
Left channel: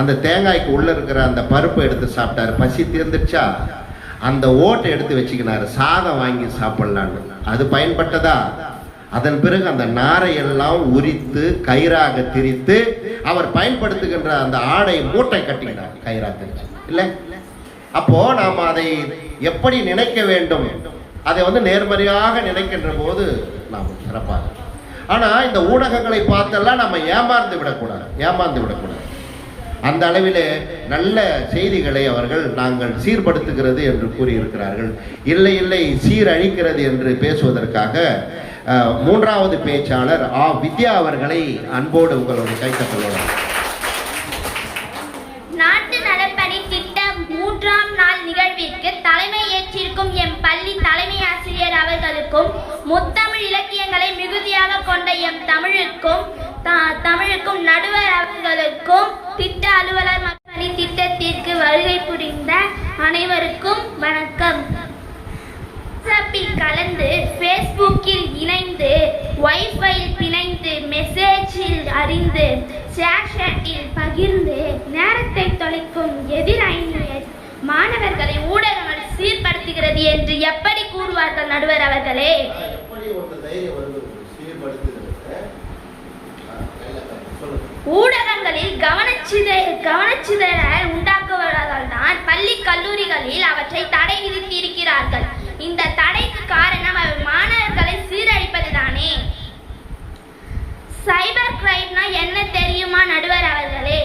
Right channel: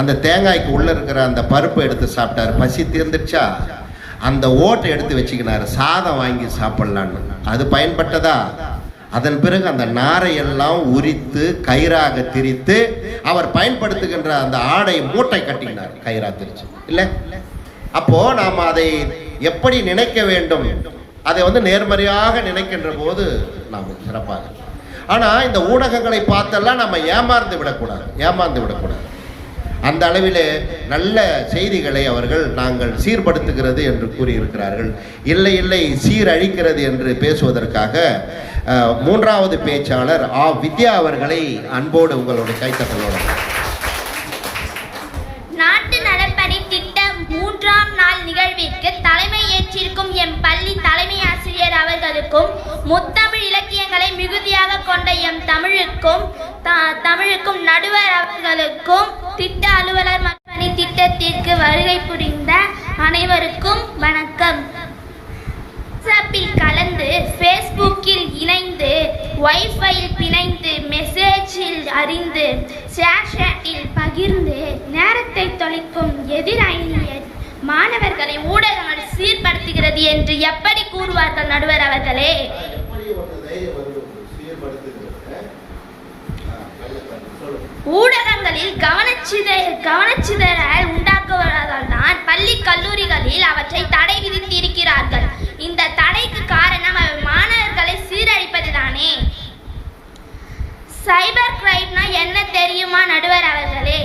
அந்த தேங்காய்க்கு உள்ளே இருக்கிற அந்த பருப்பை எடுத்து சாப்பிட்டார். பசி தீர்ந்துருச்சா? அந்த ஓட்டை எடுத்து வச்சுக்கினார், சாதம் வாங்கி சாப்பிட்லான்னு. அது பயன்பட்டதா? அதன் பிறகு அந்த நாரையெல்லாம் உரித்து கயிறாக திரித்து அவர் பயன்படுத்துகின்ற அந்த ஆடை மூட்டை கட்டினார், கயிறா திரிச்சு. இல்லை, அப்போ நாம் அதை எப்படி நினைக்க வேண்டும்? அதை வந்து நேர்மறையாக நினைக்கின்ற போது நாம் சிறப்பாக. ஆனால் இந்த ஊடகங்களை பார்த்தெல்லாம் நம்ம ஏமாந்து விடக்கூடாது. அந்த அளவிலே நல்ல செய்திகளை அவர்கள் நாங்கள் சீர்படுத்துகிறது என்று கூறியிருக்கிறார்கள். இல்லை சீரழிக்கிறது என்று பேசுவதற்காக மூன்றாவது பேச்சாளர் வித்யா அவர்களை அன்போடு உங்களுடைய கைத்தட்டலாம். நாட்டு நலப்பணி திட்டம் 3ஆம் நாள் நிகழ்விற்கு தலைமை ஏற்றிருக்கும் எம் பள்ளி தலைமை ஆசிரியர் அவர்களுக்கும் முத்தமிழ் இலக்கியங்களை மிகுதியாக கொண்ட எம் தமிழுக்கும் நடுவர் அவர்களுக்கும் திட்ட அலுவலர் பணி திட்டத்திற்கு வருகை புரிந்த அனைவருக்கும் வணக்கம். வாட்ஸ்அப்பில் கலந்து, ஃபேஸ்புக்கில் இணைந்து, வைஃபையில் பிணைந்து, மெசேஜில் அறிந்து, ஷேட்டில் பகிர்ந்து நேரத்தை தொலைக்கும் எதிரணியர் மாணவர்களை ஊடகங்கள் சீர்படுத்துகிறது என்று எப்படி கூறுவார்கள் நடுவர் அவர்களே? ஊடகங்களில் கவனச்சிதறல் உண்டாக்குவதால் தான் பள்ளி கல்லூரிகளில் அவற்றை தடை விதித்திருக்கிறார்கள். இந்த தடைக்கு காரணம் மாணவர்களை சீரழிப்பதுதானே. சைபர் கிரைம்னா என்ன தெரியுமா நடுவர் அவர்களே?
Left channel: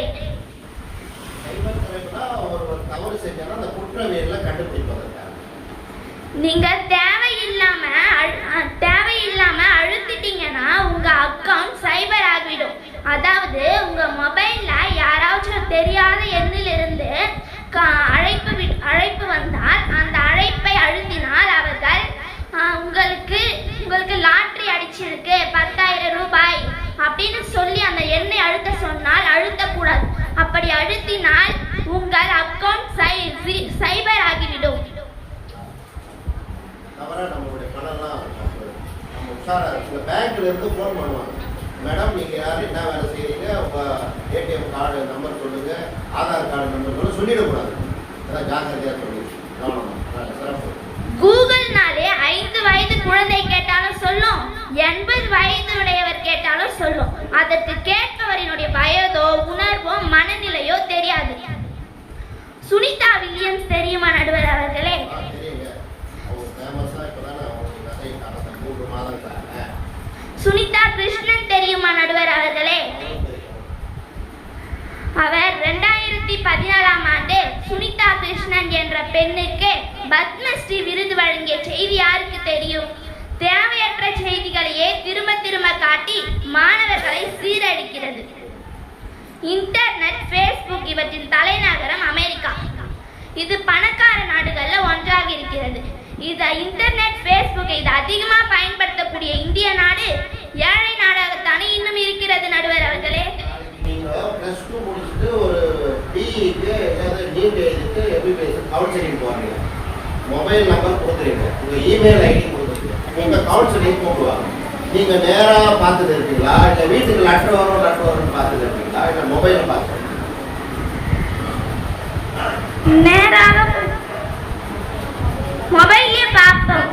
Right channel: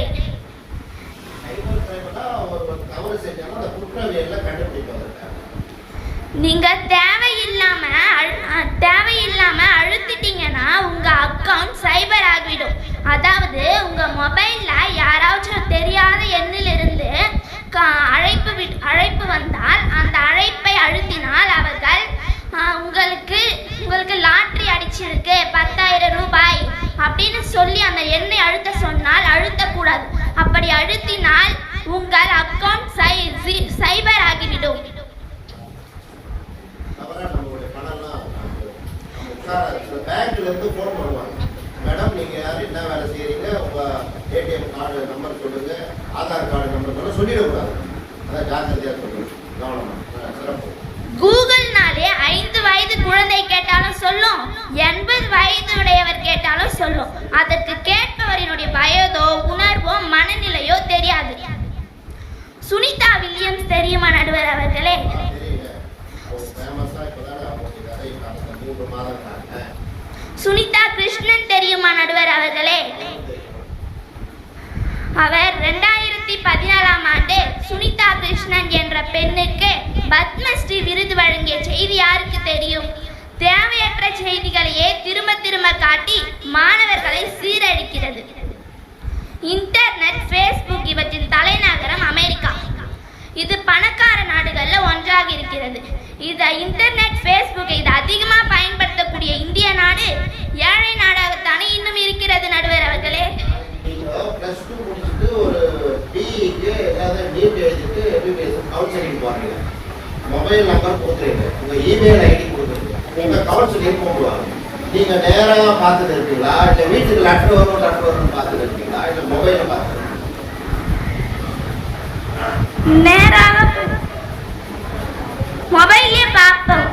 நீங்க தேவையில்லாம அழுத்திட்டீங்கன்னா உங்க அக்கவுண்ட் சைபர் ஆகிவிடும். அதாவது உங்க மொபைல்ல யாராச்சும் தெரியாத எண்ணிலிருந்து அழைப்பு வந்தால் அந்த அழைப்பை அழுத்தினால் அவர்கள் உங்களுக்கு லாட்டரி அடிச்சிருக்கு 10,000 ரூபாய் அப்படின்னு சொல்லி அந்த எண்ணை அழுத்த சொன்னால் அழுத்தக்கூடாது. அப்படி அழுத்தினால் உங்கள் அக்கவுண்ட் சைபர் ஆகிவிடும். பேங்க்ல இருந்து போன் பண்ணுவாங்க, மேடம் நீங்க யாரு, என்ன வேலை செய்யறீங்க, உங்க ஏடிஎம் கார்டு நம்பர் சொல்லுங்க, ஆதார் கார்டு நம்பர் சொல்லிடக்கூடாது. அதான் ஜாக்கிரதையா சொல்லுங்க, கவனமா சிறப்பு. கூகுள்னாலே 5 வயது குழந்தை கேட்டாலும் சொல்லும், 80 வயது உடையவர் கேட்டாலும் சொல்லும். அதற்கு கேட்பவரினுடைய வயதோ உணர்வோ மனநிலையோ தெரியாது. சுனிதா வில்லியம்ஸ் தெரியுமா நடுவர் அவர்களே? சுனிதா கிருஷ்ணன் தெரியுமா நடுவர் அவர்களே? அவர் 2014ஆம் ஆண்டு சுனிதா கிருஷ்ணன் என்ற பெண்ணுக்கு பத்மஸ்ரீ விருது வழங்கிய செய்தி யாருக்கு தெரியும்? தேவையற்ற செய்திகளையே திரும்ப காட்டி மாணவர்களை சீரழிக்கிறது. இன்டர்நெட், ஃபேஸ்புக் இவற்றின் தலைநகரம் அமெரிக்கா. இது பணக்கார நாடுகள்ல ஒன்றாக இருக்கிறது. இன்டர்நெட், ஃபேஸ்புக் இது அதிகமா பயன்படுத்தக்கூடிய இந்திய நாடு ஏழை நாடாகத்தானே இன்னும் இருக்கிறது நடுவர் அவர்களே. நீங்க +2 முடிச்சிட்டு ஒரு பிஇக்கு ஏதாவது நீட் எழுதிட்டு எம்பிபிஎஸ் கவுன்சிலிங் போறீங்க, மொபைல் நம்பர் கொடுக்குறீங்க, உங்க இமெயில் ஐடி கொடுக்குறீங்க, உங்க கவுன்சிலிங் போடுவாங்க. நீங்க நேராக பார்த்துட்டு இருக்கீங்களா, இல்லை வீட்டுக்கு லெட்டர் வரும்னு பார்த்துட்டு இருக்கீங்களா, இல்லை மொபைல பார்த்து? மொபைல்லே பார்ப்போம்.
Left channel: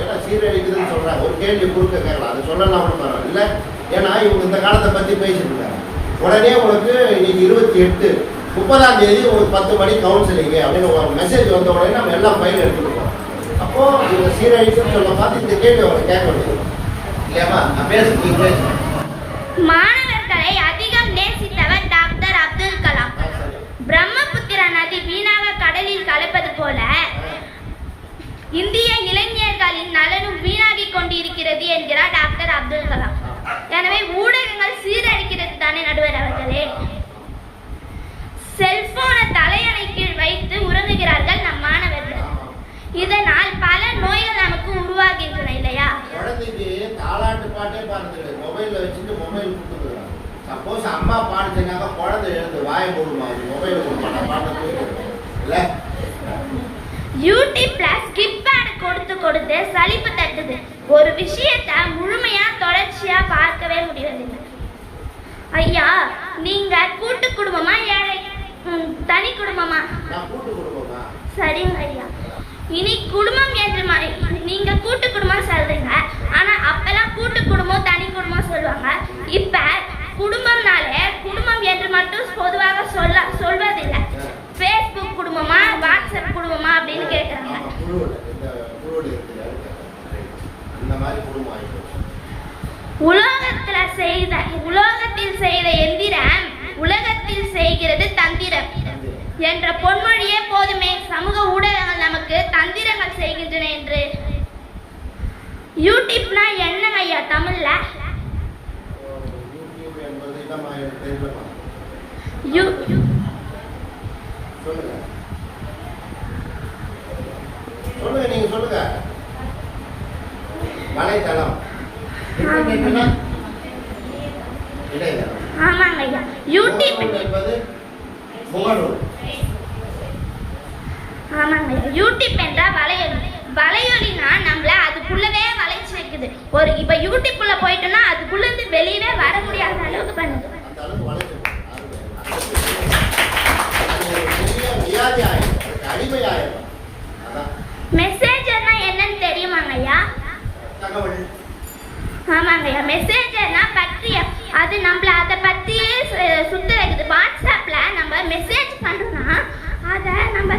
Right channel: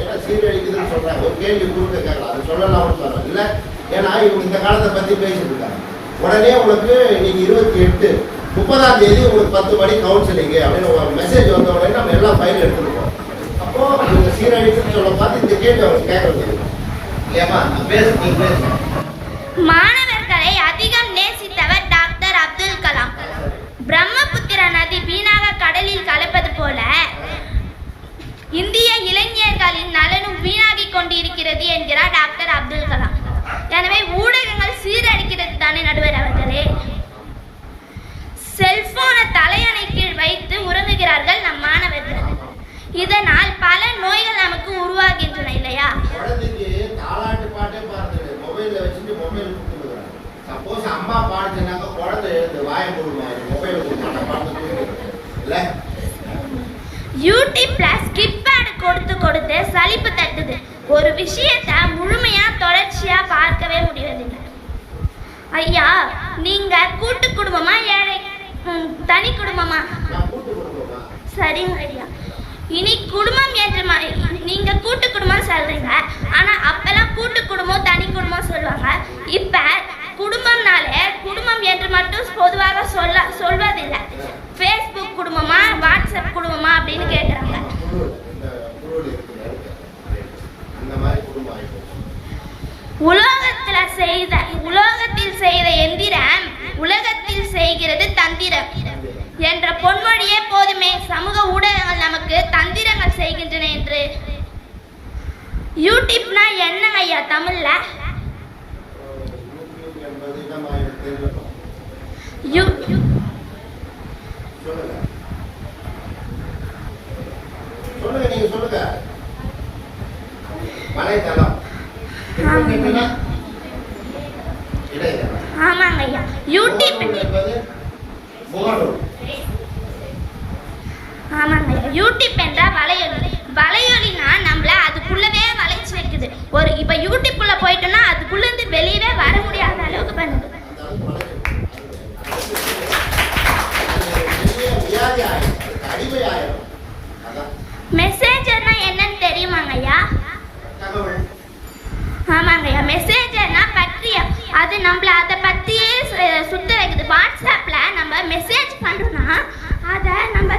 ஏன்னா சீரழிக்குதுன்னு சொல்றாங்க, ஒரு கேள்வி குறுக்க கேட்கலாம், அது சொல்லலாம் ஒன்றும் இல்லை. ஏன்னா இவங்க இந்த காலத்தை பத்தி பேசிட்டு இருக்காங்க. உடனே உங்களுக்கு இன்னைக்கு 28, 30ஆம் தேதி உங்களுக்கு 10 மணி கவுன்சிலிங் அப்படின்னு ஒரு மெசேஜ் வந்த உடனே நம்ம எல்லாம் ஃபைல் எடுத்துருக்கோம். அப்போ இவங்க சீரழிக்குன்னு சொல்ல பார்த்து இந்த கேள்வி அவங்க கேட்க முடியும் இல்லையாமா? பேசுங்க. மாணவர்களை அதிகம் நேசித்தவர் டாக்டர் அப்துல் கலாம். பிரம்மபுத்திரா நதி வீணாக கடலில் கலப்பது போல இந்திய இளைஞர்களின் நலனும் வீணாகி கொண்டிருக்கிறது என்கிறார் டாக்டர் அப்துல் கலாம். எனவே ஊடகங்கள் சீரழிக்கிறது தானே நடுவர் அவர்களே. செல்போனை தலையணை கீழ் வைத்து உறங்குகிறார்கள் நம் மாணவர்கள். இதனால் பல நோய்கள் நமக்கு உருவாகின்றன இல்லையா? குழந்தைக்கு தாலாட்டு பாட்டே பாருங்க, மொபைல்ல வச்சுட்டு மொபைல் கொடுத்துருக்காங்க. சப்போஸ் அம்மா பாடுச்சுனாக்கா குழந்தை எழுந்து வாயை போடுவாங்க, மொபைல் கொடுப்பாங்க, பாட்டு இல்ல. யூடியூப்ல ஸ்கிப் ஆட் கொடுத்து சலிப்பு தட்டுது. ஒரு விஷயத்தை முழுமையா தொடர்ச்சியா பார்க்கவே முடியவில்லை. ஐயா, நீங்க கூட்டு குடும்பமா ஏழை தனி குடும்பமா? சரிங்க ஐயா. இனி குடும்பம் என்று நீங்க கூட்டு குடும்பம் சொல்றீங்க, ஆனா அப்பெல்லாம் கூட்டு குடும்பம் தனி குடும்பம் சொல்லுவாங்க. இப்ப குடும்பம்னாலே குடும்பம் என்று மட்டும் பொதுவாக சொல்வதில்லை. ஃபேஸ்புக் குடும்பமா, வாட்ஸ்அப் குடும்பமா அப்படின்னு கேட்டாங்க. உலோகத்தில் செய்த எந்திரம் உலகத்தில் செய்கிறது தந்திரம் என்ற பொன்மொழியே போதுமே சமூக ஊடகங்கள் நமக்கு தந்திரங்கள் செய்கின்றன என்று. யூடியூப்னா என்ன ஐயா தமிழ்ல? சொல்லுங்க. வலைத்தளம். ஆமாங்க ஐயா. யூடியூப் என்பது முகநூல். ஆமாங்க ஐயா. யூடியூப் என்றா வலையொலி. வலையொலினா நம்மள அதுக்குள்ளவே வளைச்சு வைக்குது. இப்ப யூடியூப்குள்ள போயிட்டோம்னா அதுக்குள்ள இருந்து வெளியவே வர முடியாத அளவுக்கு பண்ணுது. மெசேஜர்னா என்னன்னு தெரியுமாங்க ஐயா? ஆமாங்க ஐயா. மெசேஜர்னா பத்தியம். அது நம்மள அதை பத்தியே சுத்த வைக்குது. வாட்ஸ்அப்ல நம்ம மெசேஜ் பண்றோம்னா அதை நம்ம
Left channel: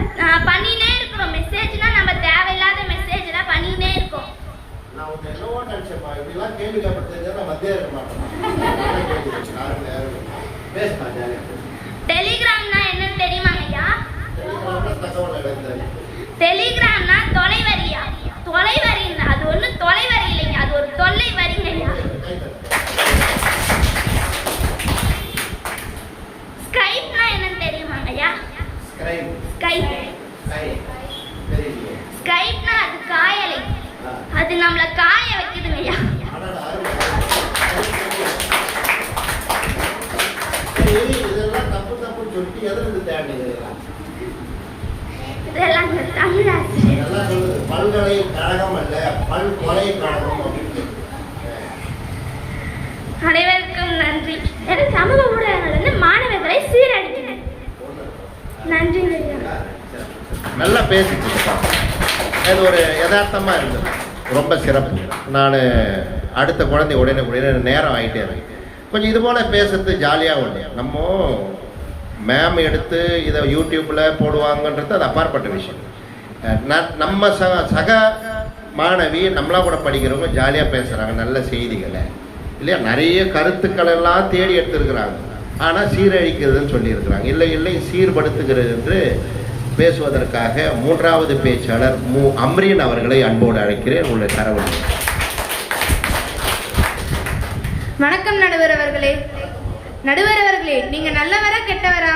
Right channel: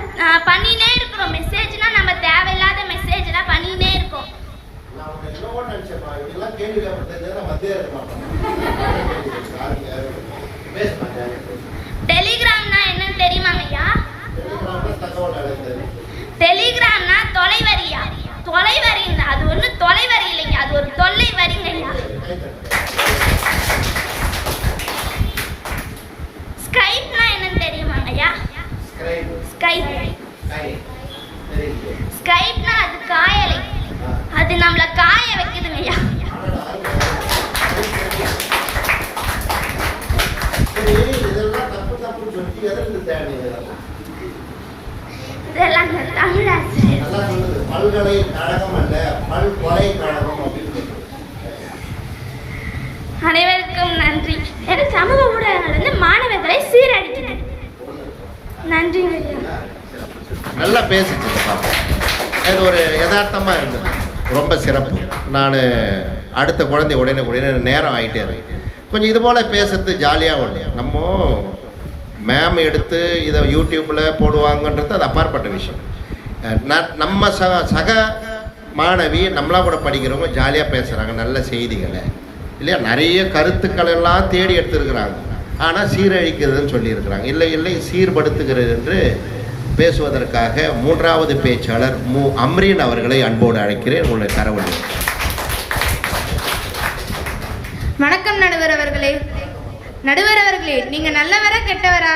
பண்ணினே இருக்கோம். மெசேஜ்னா நம்ம தேவையில்லாத மெசேஜ் எல்லாம் பண்ணினே இருக்கோம். டெலிகிராம்னா என்னன்னு தெரியுமாங்க ஐயா? டெலிகிராம்னா தொலைவரியா? தொலைவரி அது ஒண்ணு தொலைவரி இல்லைங்க, அது ஒரு தொல்லை வரிங்க ஐயா. ஸ்கைப்னா என்னன்னு தெரியுமாங்க ஐயா? ஸ்கைப்னா அது காயலை. அது நம்மள காய வைக்குதுங்க ஐயா. இதெல்லாம் தப்பு தப்புன்னு சொல்லி எதிர்த்து தேவைங்க. இதெல்லாம் தமிழாசிரியர் பல்கலைக்கழகம் அல்ல, பல்கலைக்கழகம் அப்படின்னு. அனைவருக்கும் நன்றி. சமூக ஊடகங்கள் வந்து மாணவர்களை சீரழிக்கிறது. நன்றி. நல்லா பேசிட்டு அது ஒரு யதார்த்தமா இருந்தது, ரொம்ப சிறப்பு. நான் அடுத்த குழந்தை உடனே நேரம் ஆகிட்டே இருக்கேன். கொஞ்சம் இது போல் பேசுறது ஜாலியாக உண்டு. நம்ம மேம் எடுத்து இதை யூடியூப்பில் போடுவாங்கன்றது அது அப்பாற்பட்ட விஷயம். நம்ம சக மாணவி நம்மளாம் கூட படிக்கிறவங்க ஜாலியாக பேசுகிறாங்க நல்ல செய்திகளை இல்லையா, நிறைய கருத்துக்கள் எல்லாம் தேடி எடுத்துருக்கிறாங்க. ஆனால் சீரழிக்கிறதுன்னு சொல்லியிருக்கிறாங்க. இல்லை சீர்படுத்துகிறது என்று பேசுவதற்காக மூன்றாவது பேச்சாளர் அம்ரீன் அவர்களை அன்போடு அழைக்கிறேன். உங்களுடைய தரவு. வணக்கம் நடுவர் அவர்களே. நடுவர் அவர்களே, நீங்க நல்லவரா கெட்டவரா?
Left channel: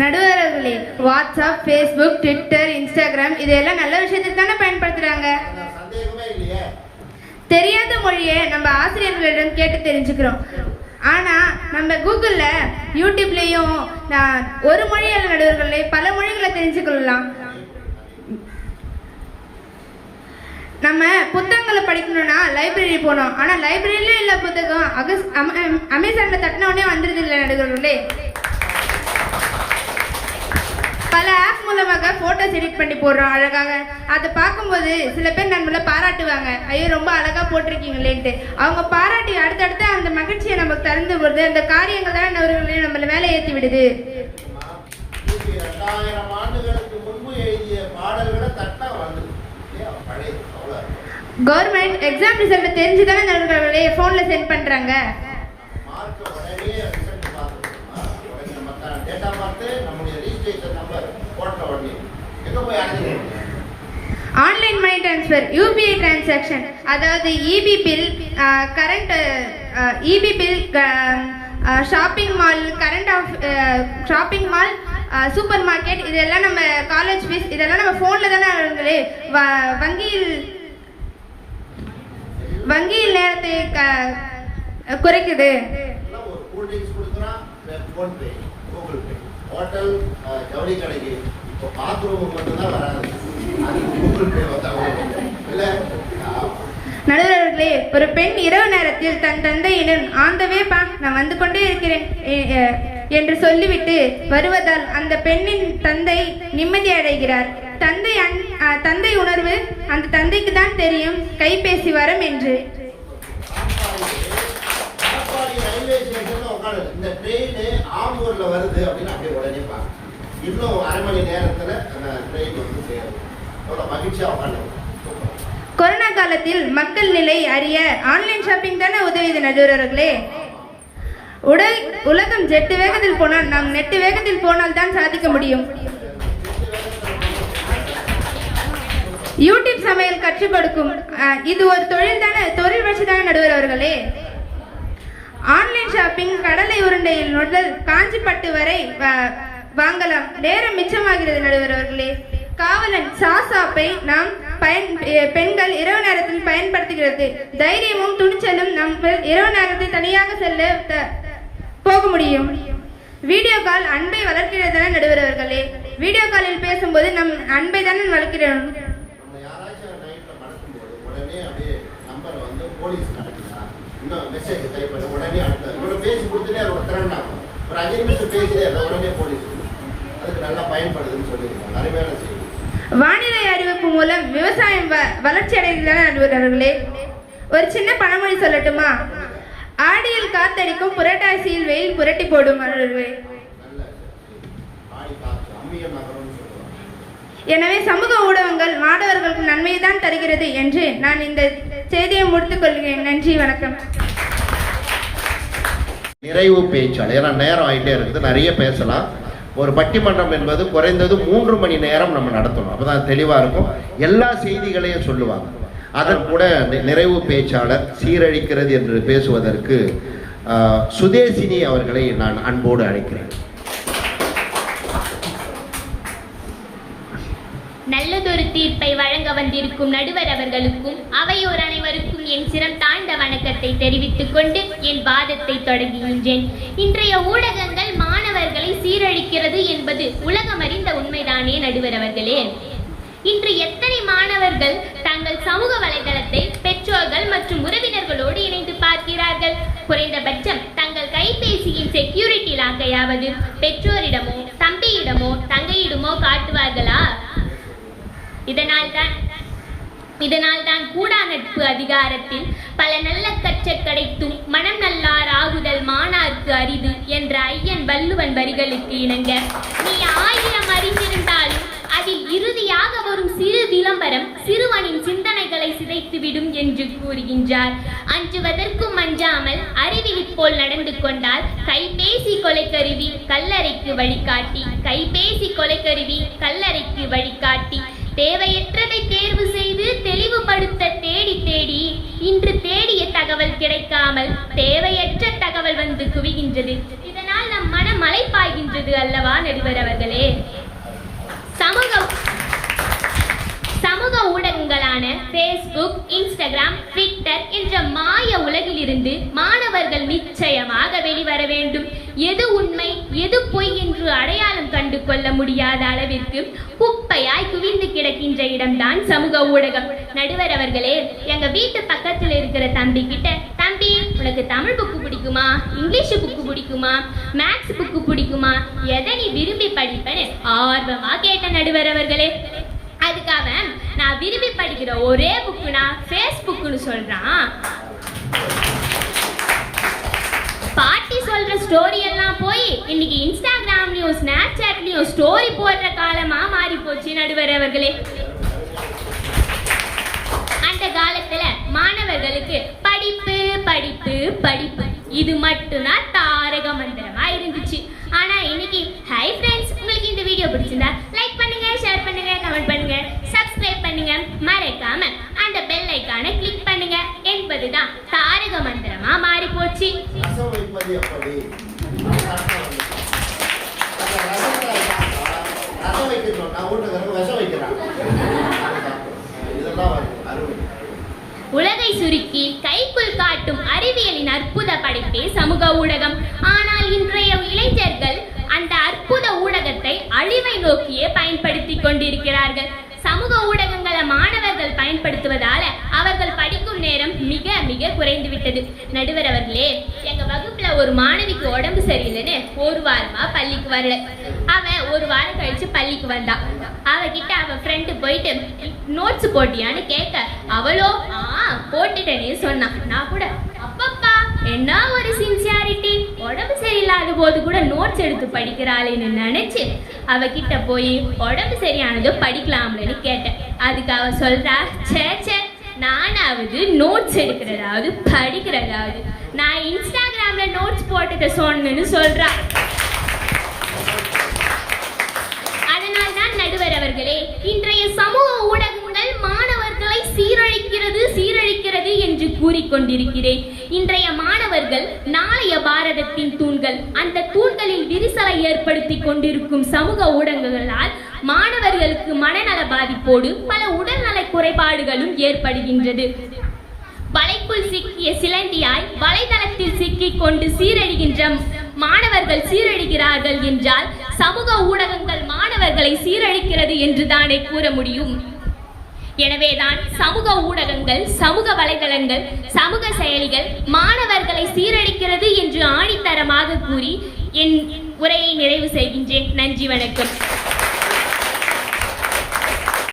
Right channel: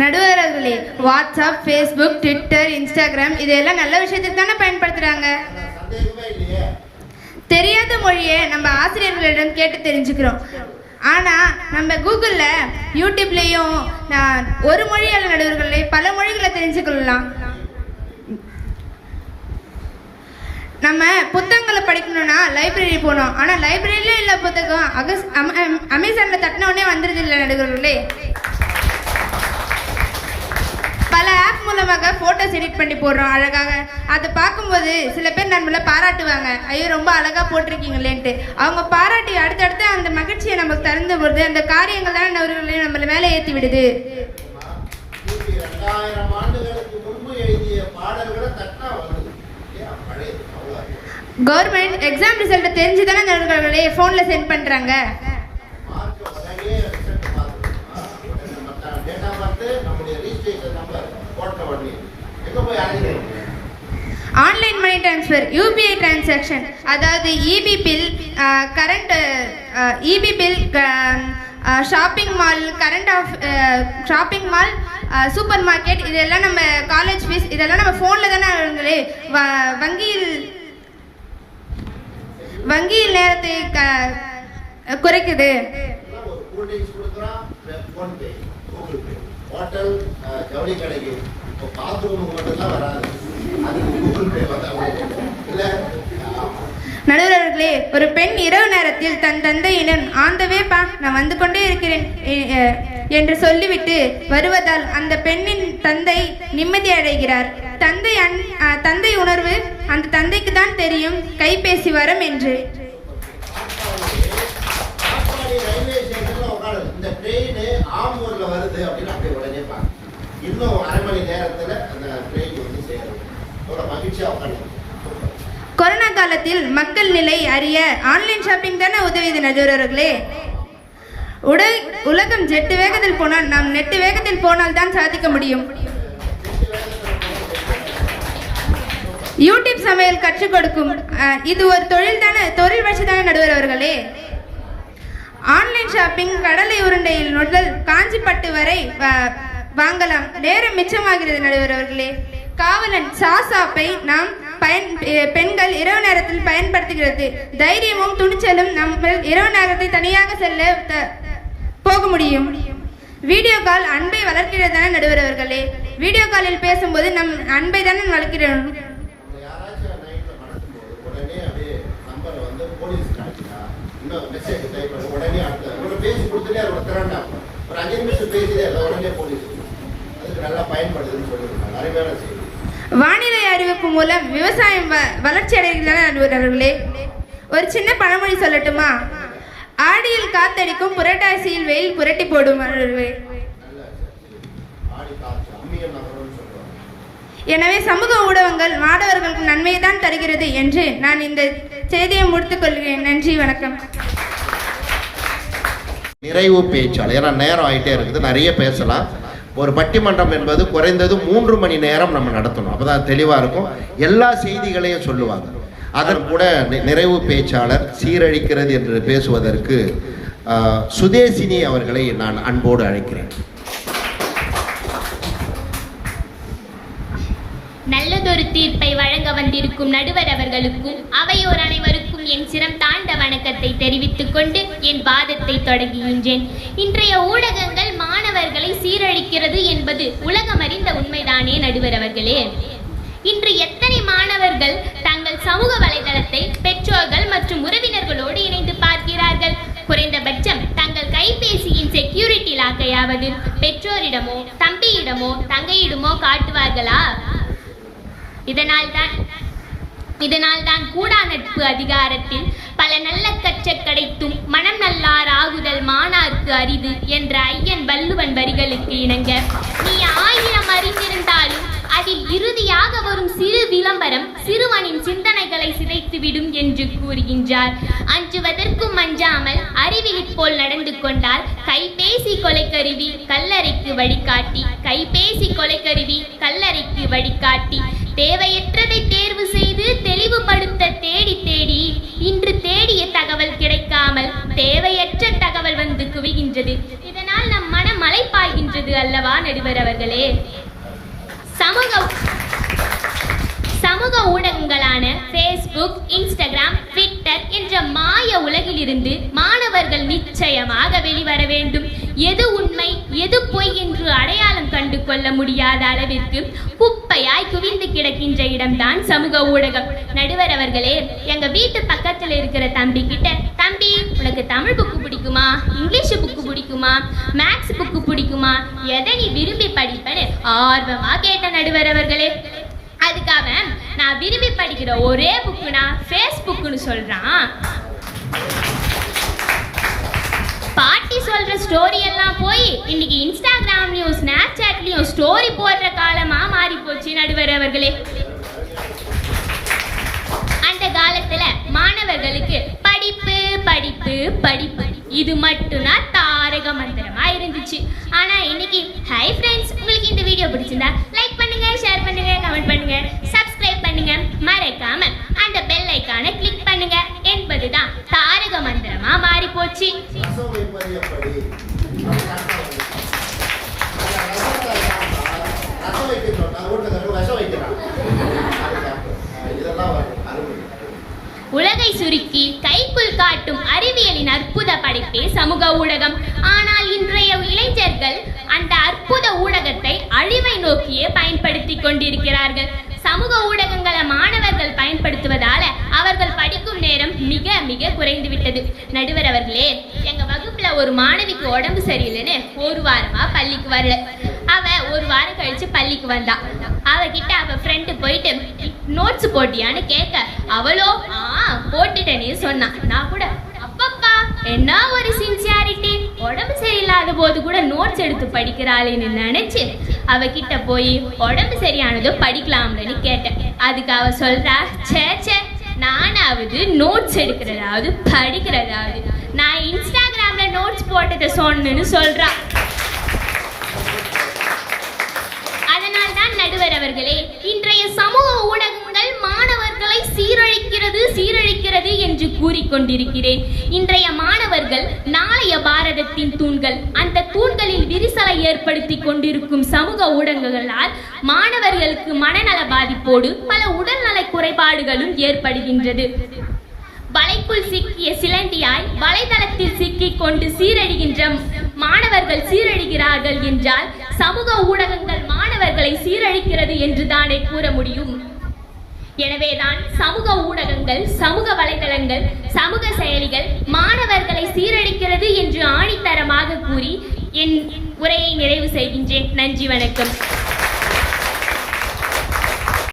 நடுவர் அவர்களே, வாட்ஸ்அப், ஃபேஸ்புக், ட்விட்டர், இன்ஸ்டாகிராம் இதெல்லாம் நல்ல விஷயத்துக்கு தானே பயன்படுத்துறாங்க. தெரியாத மொழியை நம்ம ஆசிரியர்களிடம் கேட்டு தெரிஞ்சுக்கிறோம். ஆனா நம்ம கூகுள்ல யூடியூப்லயும் ஒரு மொழியால நடுவர்களே பல மொழிகளை தெரிஞ்சுக்கொள்ளலாம். நம்ம புத்தகங்களை படிக்கணும்னா லைப்ரரி போனோம். ஆனா லைப்ரரியில இல்ல புத்தகம் அமேசான்ல தட்டின உடனே வந்துருது இல்லை நடுவர்களே. பல ஆப் மூலமாக போட்டோஸ் எடிட் பண்ணி போடுறோம் அழகாக. அதை பார்க்கும்போது சில பேர் நம்மள பாராட்டுவாங்க, ஐயோ ரொம்ப அழகா போட்டிருக்கீங்களேன்ட்டு. அவங்க பாராட்டி அடுத்தடுத்து அந்த மகிழ்ச்சியை நமக்கு தந்து போது அந்த காரியங்கள் தானே நடுவர்களே நம்மள மேலே ஏற்றி விடுது. 2000 ஆண்டுகளுக்கு முன்பு எழுதிய பாடல்களை தட்டா வந்து கவர்மெண்ட் எக்ஸாம் ரிசல்ட் தெரிஞ்சுதானே நடுவர்களே போன்ல சென்ட் பண்றாங்க. Online money transfer, UPI transaction, அதாவது EB bill, current EB bill, shopping mall, shopping mall, super market, இதெல்லாம் நம்ம காலேஜ் ஃபீஸ் இதெல்லாம் நம்ம ஃபோனில் தானே ஆளுங்களே. வங்கியில் நேரத்தை குறைக்குது. ஹோட்டல் ஜவுளி கடைக்கு இப்போ பாத்ரூம் மட்டும்தான் வராது, நடுவர்களே, ஒரு பெண் இரவு நேரத்தில் தன் தந்தையிடம் ஆந்தவே பா நான் வந்து கொண்டே இருக்கிறேன் என்று சொல்லிவிட்டு வருவதால் அந்த பெண்ணின் தந்தை நிம்மதி அடைகிறார். தந்தை உணர்வு அந்த தந்தைக்கு தான் தெரியும் கைபேசி வரும் என்று. இந்த ட்ரெயின் ஆம்பூர்ல வருது அப்படின்னு அப்படியே உடனே இன்னும் அரை மணி நேரத்துல அந்த ட்ரெயின் வந்து எவ்வளோ மகிழ்ச்சியாக உட்காந்து. கொரோனா காலத்தில் மக்கள் நிலை அறிய ஆன்லைன் ஷாப்பிங் தானே உதவியது நடுவர்களே. உலகம் ஜெட்டு வேகத்தில் போனால் நாம் நெட்டு வேகத்தில் போனால் தான் சாதிக்க முடியும். யூடியூப் சமையல் கற்றுக் கொடுக்கும் இது ஒரு தொழில் வளர்ச்சி தானே நடுவர் அவர்களே. ஆன்லைன் ஷாப்பிங் கடலை உருண்டையில் முதல் காஞ்சிப்பட்டு வரை வாங்கலாம். நேரம் மிச்சமாகிறது நடுவர் அவர்களே. காவலன் சாசாப்பை நாம் பெண்கள் இரவு நேரத்தில் பயன்படுத்துகிறது. தைரியமும் துணிச்சலும் நம்ம இரவு நேரத்தை தனியாக செல்ல போக முடியும். வீடியோ கால் அன்பை வளர்க்கிறது தானே நடுவர் அவர்களே. வீடியோ காலில் பேசும்போது நம் அன்பை தானே வளர்க்கிறோம். போலீஸ் கிடைக்குதா இன்னும் மெசேஜ் டைப் பண்ண உடனே அடுத்த பேசி கொடுத்துட்டே அதோட திறண்டாகும். ஒரு 5 நிமிஷம் பேசிட்டே அதை உடனே போலீஸ் அதுக்கு நல்லா பயன்படுதுன்னு சொல்லியிருக்காங்க. நிறைய செய்தி. வானிலை அறிவிப்பு மூலம் விவசாயம் வளர்ச்சி அடைகிறதான நடுவர்களே. ஒரு சின்ன பழமொழி சொல்லட்டுமா? ஆடியில் காத்தடிக்கும் புரட்டாசியில் வெயில் புரட்டி போடும். எனவே சமூக ஊடகங்கள் மாணவர்களுக்கு நன்மையை தான் தருகிறது என்று நான் இந்த செய்தியை முடித்துக் கொள்கிறேன். நன்றி, வணக்கம். நிறைவு பேச்சாளர். ஏன்னா நேரம் ஆகிட்டே இருக்குது, நிறைய பேசலாம். ஒரு பட்டிமன்றம் என்பது குறைந்தது 3 மணி நேரம் நம்ம நடத்தணும். அப்பதான் தெளிவாக இருக்கும். எல்லா செய்திகளையும் சொல்லுவாங்க. அதன் கூட நிறைவு பேச்சாளர் சீரழிக்கிறது என்று பேசுவதற்கு சுதேசினி அவர்களை நான் அன்போடு அழைக்கிறேன். நல்லதொரு தீர்ப்பை வழங்க வந்திருக்கும் நடுவர் அவர்களுக்கும் அவையோர் அனைவருக்கும் என் சிரம் தாழ்ந்த வணக்கத்தை தெரிவித்துக் கொண்டு என் வாதத்தை தொடங்குகின்றேன். இன்றைய ஊடகங்கள் மாணவர்களை சீரழிக்கிறது என்பது உலகம் அறிந்த உண்மைதானே நடுவர் அவர்களே. இன்று எத்தனை மாணவர்கள் தங்கள் சமூக வலைதளத்தை பெற்றோர்கள் மற்றும் உறவினர்களோடு இணைந்து பார்க்கிறார்கள். குறைந்தபட்சம் தங்கள் கைபேசியின் செக்யூரிட்டி லாக்கையாவது பெற்றோரிடமோ தம்பியிடமோ தங்கையிடமோ காட்டுவார்களா? இதனால் தான் கூடா நட்பு அதிகாரத்தில் பல நல்ல கற்ற கிடைத்தும் மனம் நல்லார் ஆகுதல் மாணார்க்கு அரிது என்ற ஐயன் வள்ளுவன் வரிகளுக்கு இணங்க நீ 1000 அறிந்திருந்தாலும் அதில் இறுதியாக வரும் சிறு விளம்பரம் சிறுவனின் சிந்தனைகளை சிதைத்துவிடும் என்று கூறுகின்றார். அஞ்சுவதற்கும் அஞ்சாமல் அறிவிலி போல் நடந்து கொண்டால் கைபேசி கொலைக்கருவி கல்லறைக்கு வழிகாட்டி, கைபேசி கொலைக்கருவி கல்லறைக்கு வழிகாட்டி. தேவையற்றதை தேர்வு செய்து தெளிவுபடுத்த தேடி தேடி இன்று தேடிய தகவல் கிடைக்காமல் தேவையற்ற தகவல் வந்து குவிகின்றது. இதனால் நம் மனம் மலைப்பாய்கின்றது அல்லவா நடுவர் அவர்களே. சமூக ஊடகங்களான Facebook, Instagram, Twitter என்ற மாய உலகிலிருந்து மாணவர்கள் நிச்சயமாக வெளிவர வேண்டும். எது உண்மை எது பொய் என்று அடையாளம் கண்டு கொள்ள முடியாத அளவிற்கு குப்பையாய் குவிந்து கிடக்கின்ற இடம்தான் சமூக ஊடகம். நடுவர் அவர்களே, எங்க வீட்டு பக்கத்துல இருக்கிற தம்பி கிட்ட, தம்பி உனக்கு தமிழ் புக்கு பிடிக்குமா, இங்கிலீஷ் புக்கு பிடிக்குமா, மேக்ஸ் புக்கு பிடிக்குமா, எதை நீ விரும்பி படிப்பேன்னு ஆர்வமா கேட்ட நடுவர் அவர்களே. அதுக்காக நான் விரும்பி படிக்கிற ஒரே புக்குனா ஃபேஸ்புக்னு சொல்றான். பாட்டி சொல்ற ஸ்டோரி எல்லாம் போய் இன்னைக்கு இன்ஸ்டாகிராம்லயும் ஸ்னாப்சாட்லயும் ஸ்டோரி போடுற காலமா மாறி போச்சு நடுவர் அவர்களே. அந்த காலத்துல மாணவர்களுக்கு படிப்பு படிப்பு படிப்பு இது மட்டும்தான் தாரக மந்திரமா இருந்துச்சு. ஆனா இன்னைக்கு ஹை ஃப்ரெண்ட்ஸ், உங்களுக்கு இந்த வீடியோ பிடிச்சிருந்தா லைக் பண்ணுங்க, ஷேர் பண்ணுங்க, கமெண்ட் பண்ணுங்க, சப்ஸ்கிரைப் பண்ணுங்க, மறக்காம அந்த பெல் ஐகானை கிளிக் பண்ணுங்க என்பதுதான் தாரக மந்திரமா மாறி போச்சு. உலகை சுருக்கி கைக்குள் காட்டும் அறிவியலின் அற்புத படைப்பே சமூக ஊடகம். ஆனால் இன்றைய இளைஞர்கள் அந்த அற்புத ஊடகத்தை அழிவை நோக்கியே பயன்படுத்தி கொண்டிருக்கிறார்கள். சமூக ஊடகங்களை மாணவர்கள் பயன்படுத்துவதால அவர்கள் படிக்கும் நேரம் மிக மிக குறைந்து விட்டது. நடுவர் அவர்களே, எங்க வகுப்புல ஒரு மாணவிக்கு உடம்பு சரியில்லைன்னு 1 வாரமா பள்ளிக்கு வரல. அவ 1 வாரம் கழிச்சு பள்ளிக்கு வந்தா. அவகிட்ட அவ ஃப்ரெண்டு போயிட்டு நோட்ஸ் போட்டியான்னு கேட்க, அவளோ போட்டுட்டேன்னு சொன்னா. நான் கூட அப்பப்பா என்ன ஒரு சின்சியாரிட்டி, உடம்பு சரியில்லாத போது கூட நோட்ஸ் எடுத்து படிக்கிறாளேன்னு நினைச்சு அவகிட்ட போய் உடம்பு சரியானதோ படிக்கலாம்னு கேட்டேன். அதுக்கு அவ சொல்றா, சே நானாவது நோட்ஸ் எடுக்கிறதாவது படிக்கிறதாவது, நான் இன்ஸ்டாகிராம்ல நோட்ஸ் போட்டதை சொன்னேன்னு சொல்றா. அதனால்தான் நடுவர் அவர்களே, இன்றைய சமூக ஊடகங்கள் மாணவர்களை சீரழிக்கிறது என்று கூறிக்கொண்டிருக்கிறேன். இன்றைய மாணவர்கள் நாளைய பாரதத்தின் தூண்கள். அந்த தூண்களில் விரிசலை ஏற்படுத்தி கொண்டிருக்கும் சமூக ஊடகங்களால் மாணவர்களுக்கு மனநல பாதிப்போடு பல உடல்நல குறைபாடுகளும் ஏற்படுகின்றது. வலைக்குள் சிக்கிய சிலந்தியால் வலைதளத்தில் சிக்கிக் கொண்டு சீரழிகின்ற மாணவர்கள் சீரழிகிறார்கள் என்றால் சமூக ஊடகங்கள் மாணவர்களை சீரழிக்கிறது என்று தானே கூற முடியும். எனவேதான் சமூக ஊடகங்கள், சமூக வலைதளங்கள், சமூக செயலிகள் மாணவர்களை சீரழிக்கிறது என்று ஆணித்தரமாக கூறி என் உரையை நிறைவு செய்கின்றேன். நன்றி, வணக்கம்.